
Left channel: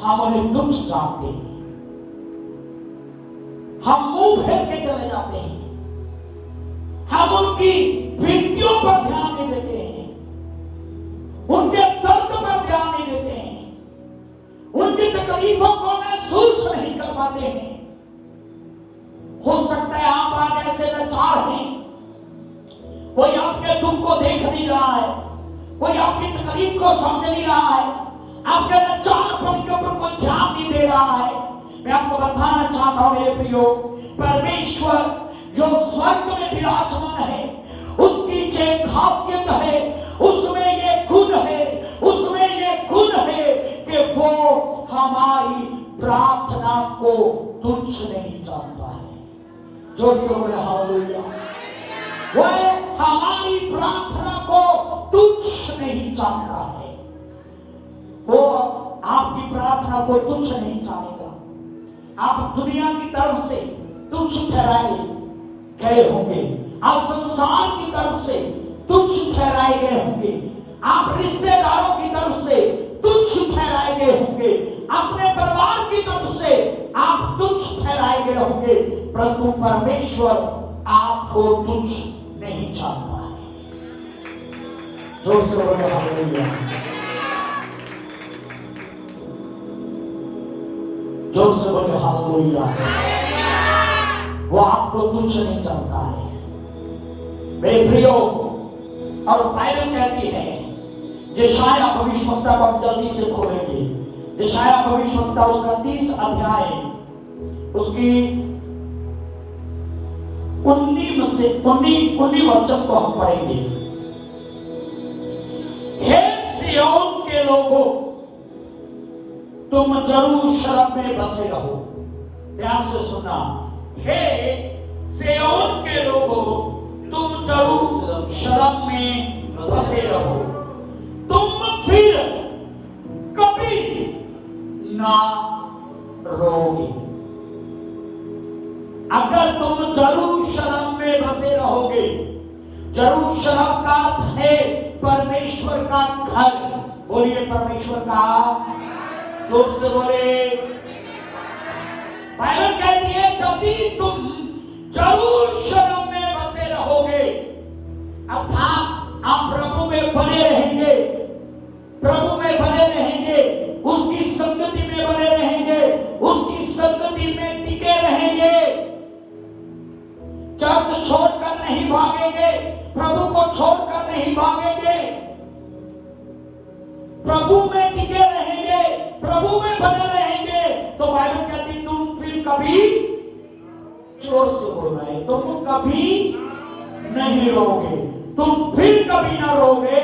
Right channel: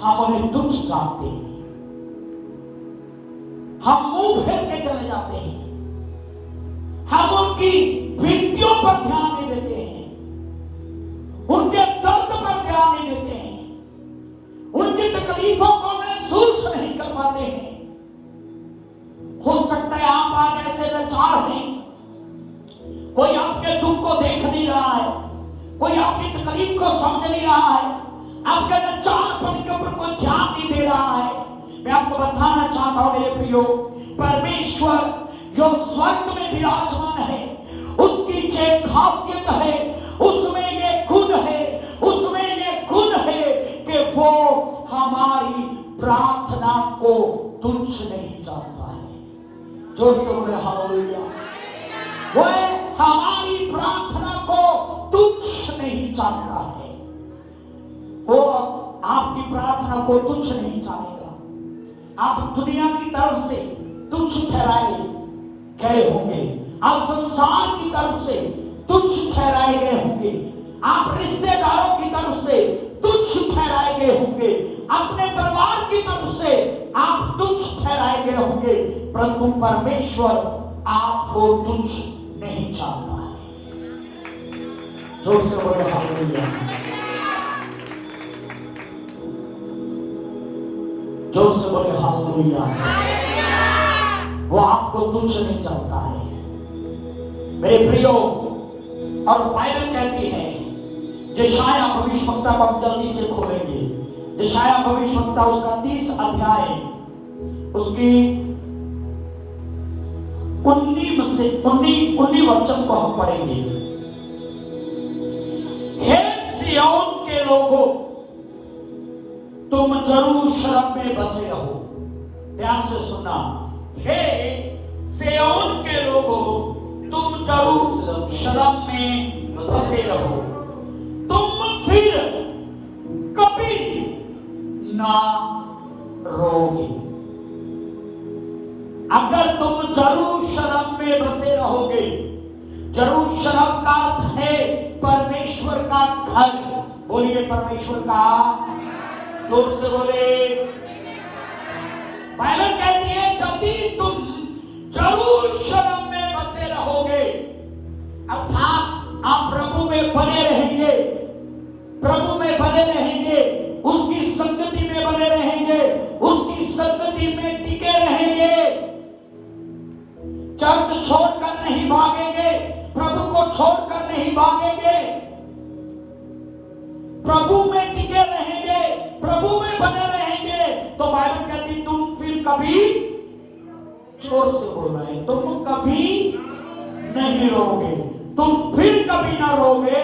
हम उन्हें तुच्छ जानते हैं, हम मुंह फेर के चले जाते हैं, हम उनकी विनतियों पर ध्यान नहीं देते हैं, उनके दर्द पर ध्यान नहीं देते हैं, उनकी तकलीफों को महसूस नहीं कर पाते हैं। हो सकता है आप आज ऐसे लाचार हैं, कोई आपके दुख को देख नहीं रहा है, कोई आपकी तकलीफ को समझ नहीं रहा है, आपके लाचारपन के ऊपर कोई ध्यान नहीं दे रहा है। मैं आपको बताना चाहता हूं मेरे प्रियो, परमेश्वर जो स्वर्ग में विराजमान है, उसकी जो खासियत है, उसमें ये गुण है, उसमें ये गुण है कि वो हमारी प्रार्थना को तुच्छ जोर से बोले हालेलुया। वह हमारी प्रार्थना को तुच्छ नहीं जानता है। वो आपकी प्रार्थना को तुच्छ नहीं जानेगा। आप दुनिया की तरफ से तुच्छ ठहराए गए होंगे, आप संसार की तरफ से तुच्छ ठहराए गए होंगे, आप रिश्तेदारों की तरफ से तुच्छ ठहराए गए होंगे, अपने परिवार की तरफ से आप तुच्छ ठहराए गए होंगे, परंतु परमेश्वर आपको तुच्छ नहीं जानता है। जोर से बोले हालेलुया। जोर से बोले हालेलुया। वो आपको तुच्छ नहीं जानता है मेरे प्रियो। और बाइबल कहती है, यशाया भविष्यवक्ता को हम जल्दी से खोलेंगे। यशाया भविष्यवक्ता उसका 30 अध्याय उसकी 19 वचन को हम पढ़ेंगे। हे सिय्योन के लोगों, तुम यरूशलेम में बसे रहो। ध्यान से सुनना। हे सिय्योन के लोगों, तुम यरूशलेम में बसे रहो। तुम फिर कभी ना रोगे। अगर तुम यरूशलेम में बसे रहोगे, यरूशलेम का अर्थ है परमेश्वर का घर। बोलिए परमेश्वर का। जोर से बोले। बाइबल कहती है जब भी तुम यरूशलेम में बसे रहोगे, अर्थात आप प्रभु में बने रहेंगे, प्रभु में बने रहेंगे, उसकी संगति में बने रहेंगे, उसकी संगति में टिके रहेंगे, चर्च छोड़कर नहीं भागेंगे, प्रभु को छोड़कर नहीं भागेंगे, प्रभु में टिके रहेंगे, प्रभु में बने रहेंगे, तो बाइबल कहती तुम फिर कभी, जोर से बोल रहे हैं, तुम कभी नहीं रोगे। तुम फिर कभी ना रोगे।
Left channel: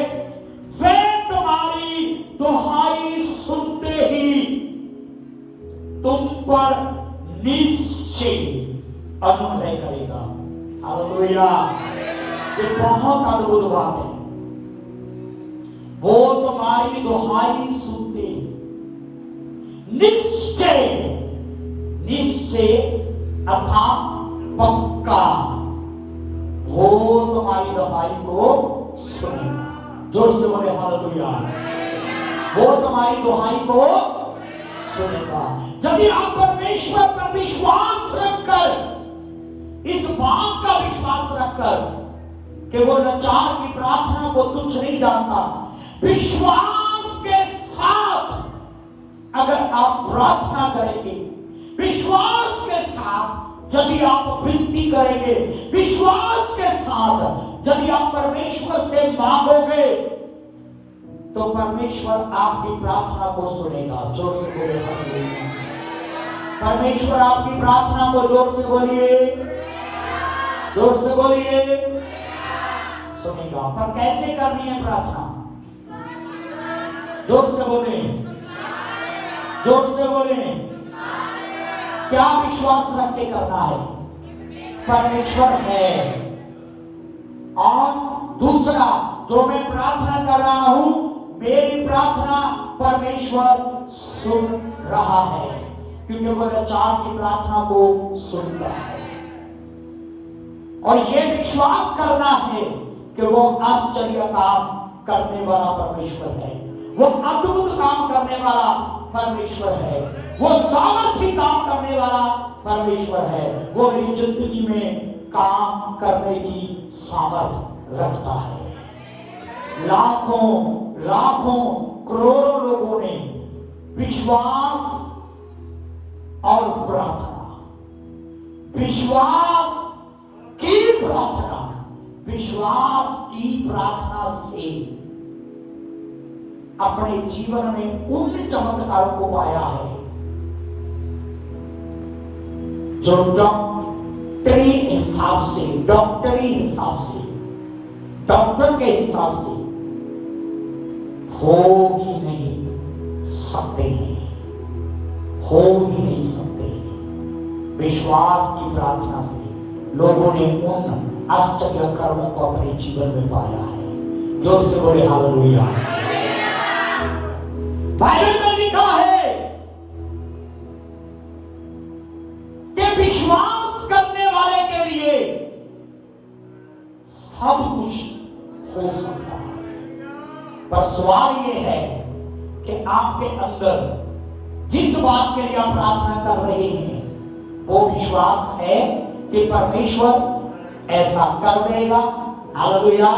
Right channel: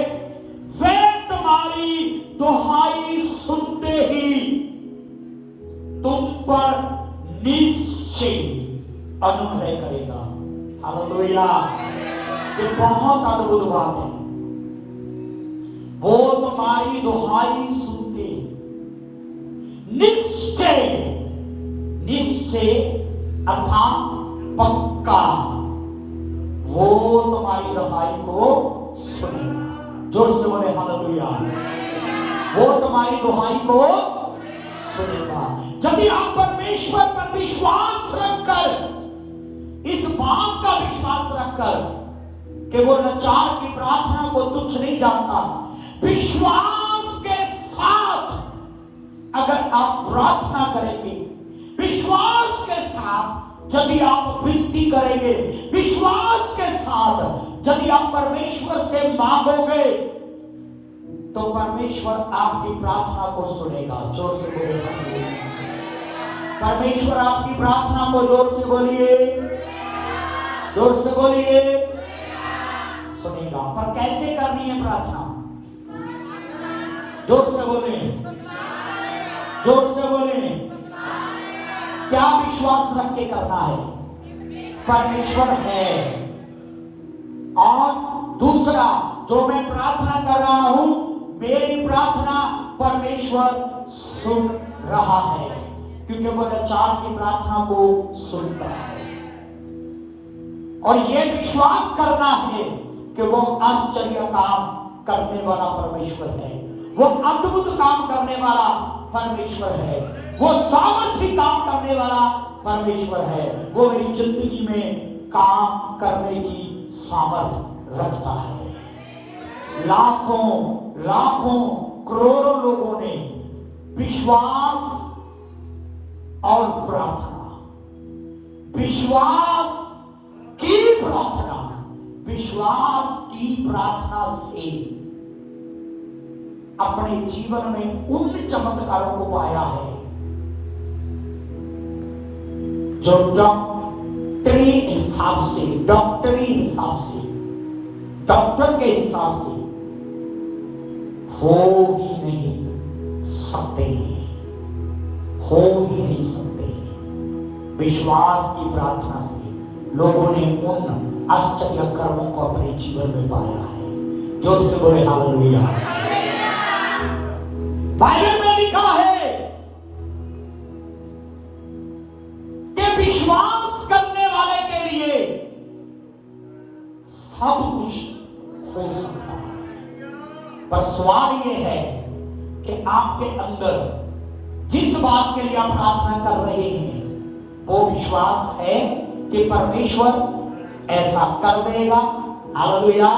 वे तुम्हारी दुहाई सुनते ही तुम पर निश्चय अनुग्रह करेगा। हालेलुया। ये बहुत अद्भुत बात है। वो तुम्हारी दुहाई सुनते, निश्चय, निश्चय अर्थात पक्का, वो तुम्हारी दुहाई को सुनेगा। जोर से बोले हालेलुया। वो तुम्हारी दुहाई को सुनेगा। जब आप परमेश्वर पर विश्वास रखकर, इस बात का विश्वास रखकर कि वो लाचार की प्रार्थना को तुच्छ नहीं जानता, विश्वास के साथ अगर आप प्रार्थना करेंगे, विश्वास के साथ यदि आप विनती करेंगे, विश्वास के साथ यदि आप परमेश्वर से मांगोगे, तो परमेश्वर आपकी प्रार्थना को सुनेगा। जोर से बोलिए हालेलुया। परमेश्वर आपकी प्रार्थना को जोर से बोलिए, जोर से बोलिए, सुनेगा। पर कैसे करनी है प्रार्थना? जोर से बोले, जोर से बोले। क्या विश्वास रख के करना है? परमेश्वर है। और दूसरा, जो मैं प्रार्थना कर रहा हूं, मेरी प्रार्थना परमेश्वर सुन रहा है, क्योंकि वो लाचार की प्रार्थना को सुनता है। और ये विश्वास करना है कि वो आश्चर्य काम करने वाला परमेश्वर है, वो अद्भुत काम करने वाला परमेश्वर है, वो सामर्थी काम करने वाला परमेश्वर है। वो मेरी जिंदगी में काम करने की सामर्थ्य रखता है। लाखों लाखों करोड़ों लोगों ने विश्वास और प्रार्थना, विश्वास की प्रार्थना, विश्वास की प्रार्थना से अपने जीवन में उन चमत्कारों को पाया है जो डॉक्टरी हिसाब से, डॉक्टरी हिसाब से, डॉक्टर के हिसाब से हो ही नहीं सकते, हो ही नहीं सकते। विश्वास की प्रार्थना से लोगों ने उन आश्चर्य कर्मों को अपने जीवन में पाया है। जोर से बोले हालेलुया। बाइबल में लिखा है कि विश्वास करने वाले के लिए सब कुछ हो सकता है, पर सवाल ये है कि आपके अंदर जिस बात के लिए आप प्रार्थना कर रहे हैं वो विश्वास है कि परमेश्वर ऐसा कर देगा। हालेलुया।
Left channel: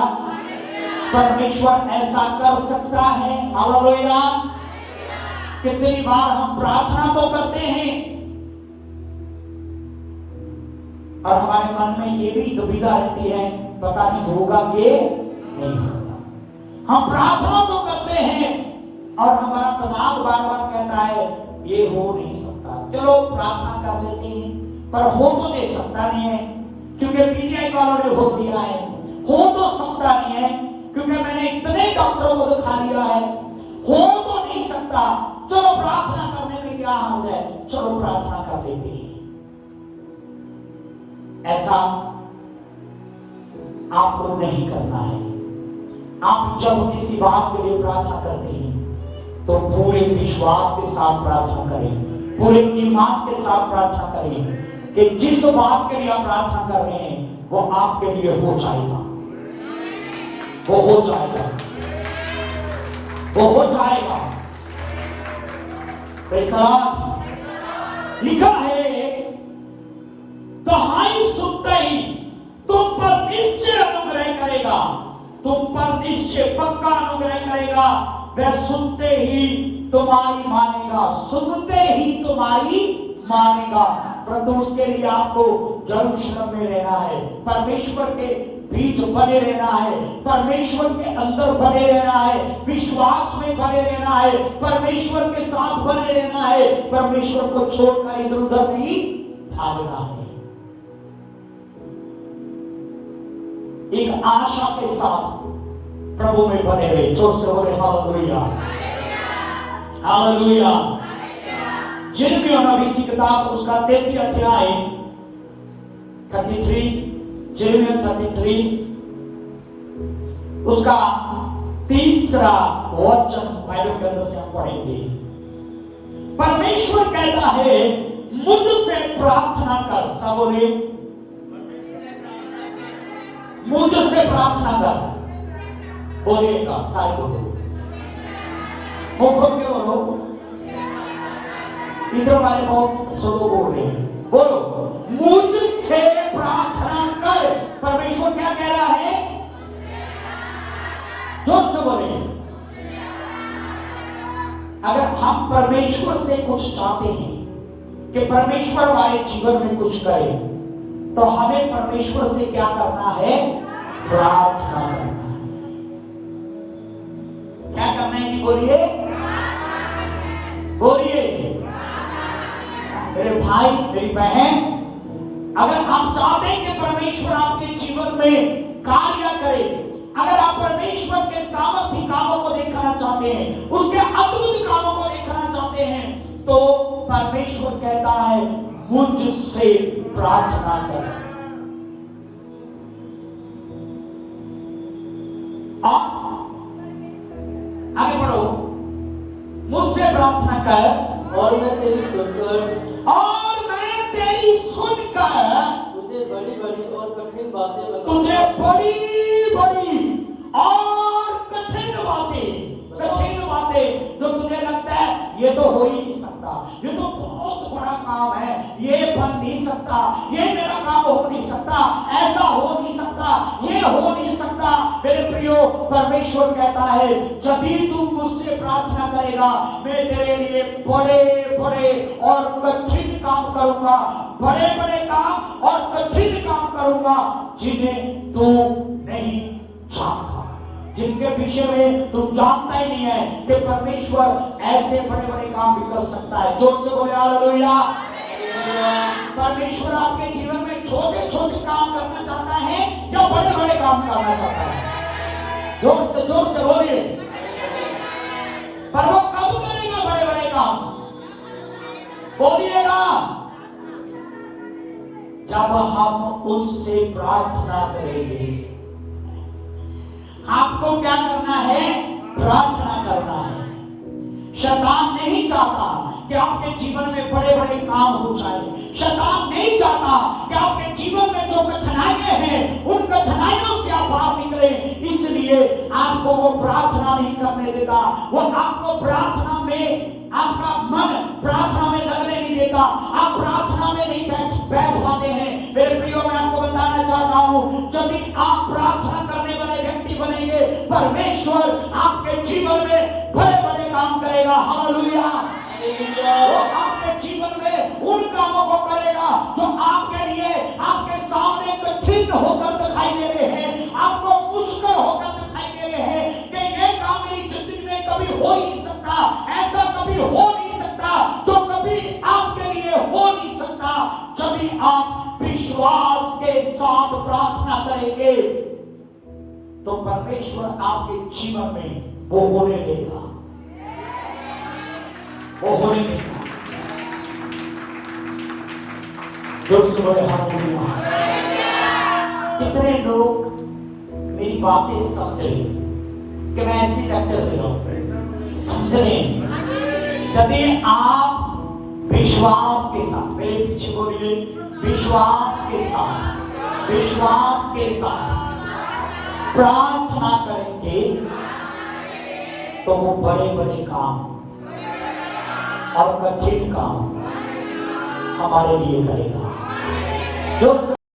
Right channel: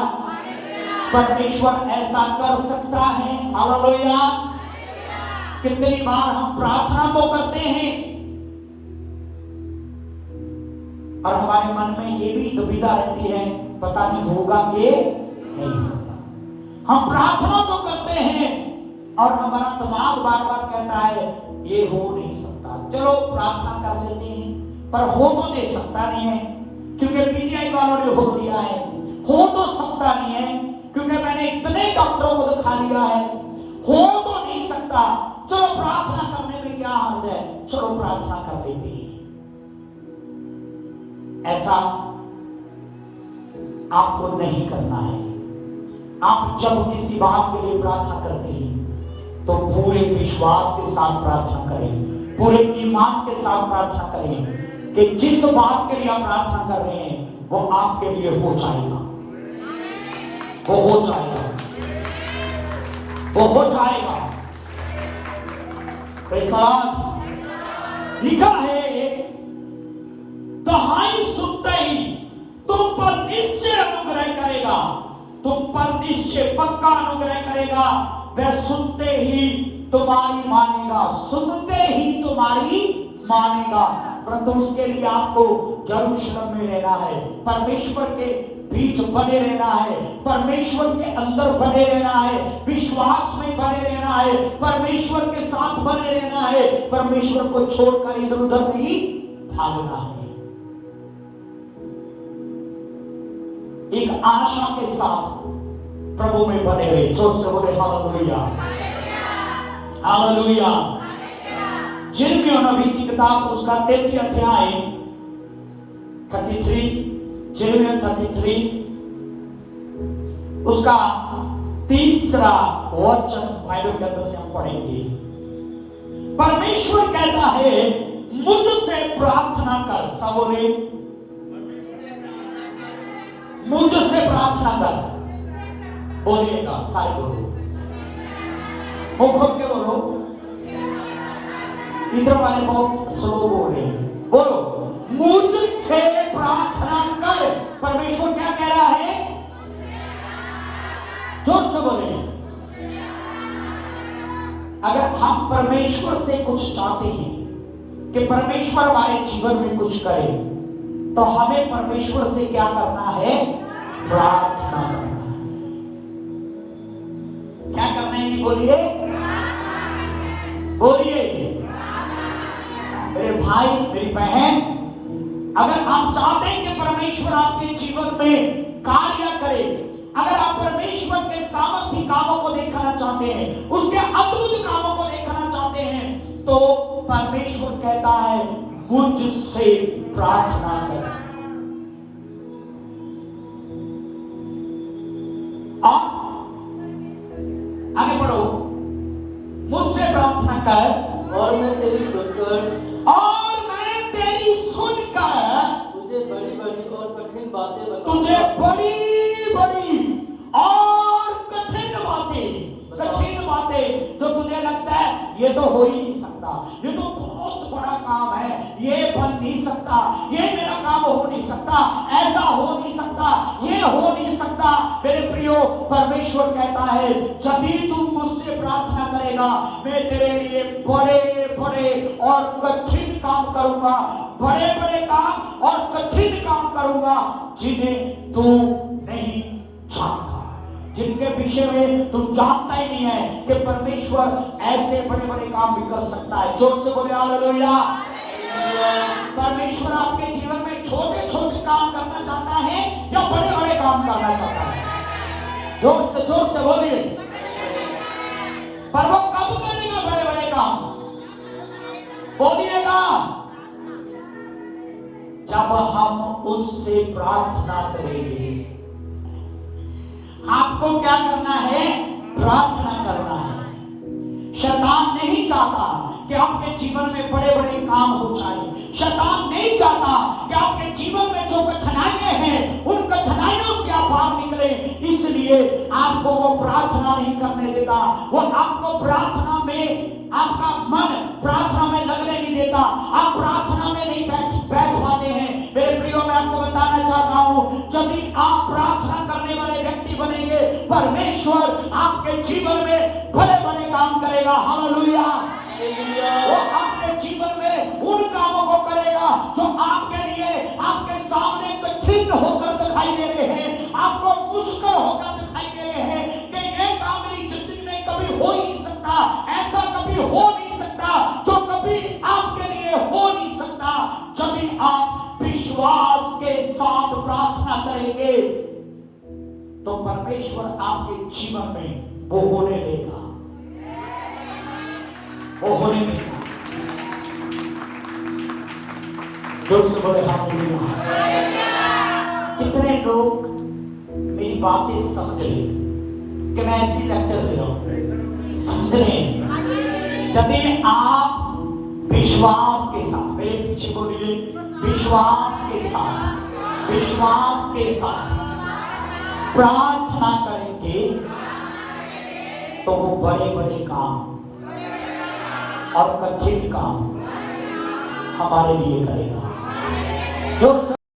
परमेश्वर ऐसा कर सकता है। हालेलुया। कितनी बार हम प्रार्थना तो करते हैं और हमारे मन में ये भी दुविधा रहती है, पता नहीं होगा कि नहीं होगा। हम प्रार्थना तो करते हैं और हमारा दिमाग बार बार कहता है ये हो नहीं सकता, चलो प्रार्थना कर लेते हैं, पर हो तो नहीं सकता नहीं है क्योंकि पीजीआई वालों ने बोल दिया है। हो तो सकता नहीं है क्योंकि मैंने इतने डॉक्टरों को दिखा लिया है। हो तो नहीं सकता, चलो प्रार्थना करने में क्या हर्ज है, चलो प्रार्थना कर लेते हैं। ऐसा आपको नहीं करना है। आप जब किसी बात के लिए प्रार्थना करते हैं तो पूरे विश्वास के साथ प्रार्थना करें, पूरे ईमान के साथ प्रार्थना करें कि जिस बात के लिए आप प्रार्थना कर रहे हैं वो आपके लिए हो जाएगा, वो हो जाएगा, वो हो जाएगा। लिखा है दहाई सुनते ही तुम पर निश्चय अनुग्रह करेगा, तुम पर निश्चय पक्का अनुग्रह करेगा। वह सुनते ही तुम्हारी मानेगा, सुनते ही तुम्हारी मानेगा। परंतु उसके लिए आपको यरूशलेम में रहना है, परमेश्वर के बीच बने रहना है, परमेश्वर के अंदर बने रहना है, विश्वास में बने रहना है, परमेश्वर के साथ बने रहना है, परमेश्वर को छोड़कर इधर उधर नहीं भागना है। एक आशा के साथ प्रभु में बने रहे। जोर से बोले हालेलुया, हालेलुया। जिर्मिया नबी की किताब उसका 33 अध्याय 33, जिर्मिया 33 उसका 3रा वचन बाइबल के अंदर से हम पढ़ेंगे। परमेश्वर कहता है मुझसे प्रार्थना कर। सब बोले मुझसे प्रार्थना कर। बोलिएगा सारे बोलो, वो खुद के बोलो, इधर वाले बहुत स्लो बोल रहे हैं। बोलो मुझसे प्रार्थना कर। परमेश्वर क्या कह रहा है? जोर से बोले। अगर हम परमेश्वर से कुछ चाहते हैं कि परमेश्वर हमारे जीवन में कुछ करे तो हमें परमेश्वर से क्या करना है? प्रार्थना करना है। क्या करना है कि बोलिए, बोलिए मेरे भाई मेरी बहन, अगर आप चाहते हैं कि परमेश्वर आपके जीवन में कार्य करे, अगर आप परमेश्वर के सामर्थ्य कामों को देखना चाहते हैं, उसके अद्भुत कामों को देखना चाहते हैं, तो परमेश्वर कहता है मुझसे प्रार्थना कर। और आगे बढ़ो, मुझसे प्रार्थना कर और मैं तेरी सुनकर तुझे बड़ी बड़ी और कठिन बातें जो तुझे लगता है ये तो हो ही नहीं सकता, ये तो बहुत बड़ा काम है, ये बन नहीं सकता, ये मेरा काम हो नहीं सकता, ऐसा हो नहीं सकता, ये हो नहीं सकता। मेरे प्रियो, परमेश्वर कहता है जब भी तू मुझसे प्रार्थना करेगा मैं तेरे लिए बड़े बड़े और कठिन काम करूंगा, बड़े बड़े काम और कठिन काम करूंगा जिन्हें तू नहीं जानता, जिनके विषय में तू जानता ही नहीं है कि परमेश्वर ऐसे बड़े बड़े काम भी कर सकता है। जोर से बोले हालेलुया। परमेश्वर आपके जीवन में छोटे छोटे काम करना चाहता है या बड़े बड़े काम करना चाहता है? जोर से बोलिए। पर वो कब करेगा बड़े बड़े काम? बोलिएगा जब हम उससे प्रार्थना करेंगे। आपको क्या करना है? प्रार्थना करना है। शैतान नहीं चाहता कि आपके जीवन में बड़े बड़े काम हो जाए। शैतान नहीं चाहता कि आपके जीवन में जो कठिनाइयां हैं उन कठिनाइयों से आप बाहर निकले। इसलिए आपको वो प्रार्थना नहीं करने देता। वो आपको प्रार्थना में, आपका मन प्रार्थना में लगने नहीं देता। आप प्रार्थना में नहीं बैठ पाते हैं। मेरे प्रियो, मैं आपको बताना चाहता हूं, जब भी आप प्रार्थना करने वाले व्यक्ति बनेंगे, परमेश्वर आपके जीवन में बड़े बड़े काम करेगा। हालेलुया। वो आपके जीवन में उन कामों को करेगा जो आपके लिए, आपके सामने कठिन होकर दिखाई दे रहे हैं, आपको मुश्किल होकर दिखाई दे रहे हैं कि ये काम मेरी जिंदगी में कभी हो ही नहीं सकता, ऐसा कभी हो नहीं सकता, जो कभी आपके लिए हो नहीं सकता। जब भी आप विश्वास के साथ प्रार्थना करेंगे तो परमेश्वर आपके जीवन में वो होने देगा, वो होने देगा। जोर से बोले हालेलुया। कितने लोग मेरी बातें समझ रहे कि मैं ऐसी लेक्चर दे रहा हूं? समझ रहे? जब आप विश्वास के साथ, मेरे पीछे बोलिए, विश्वास के साथ, विश्वास के साथ प्रार्थना करेंगे तो वो बड़े बड़े काम और कठिन काम हमारे लिए करेगा। जो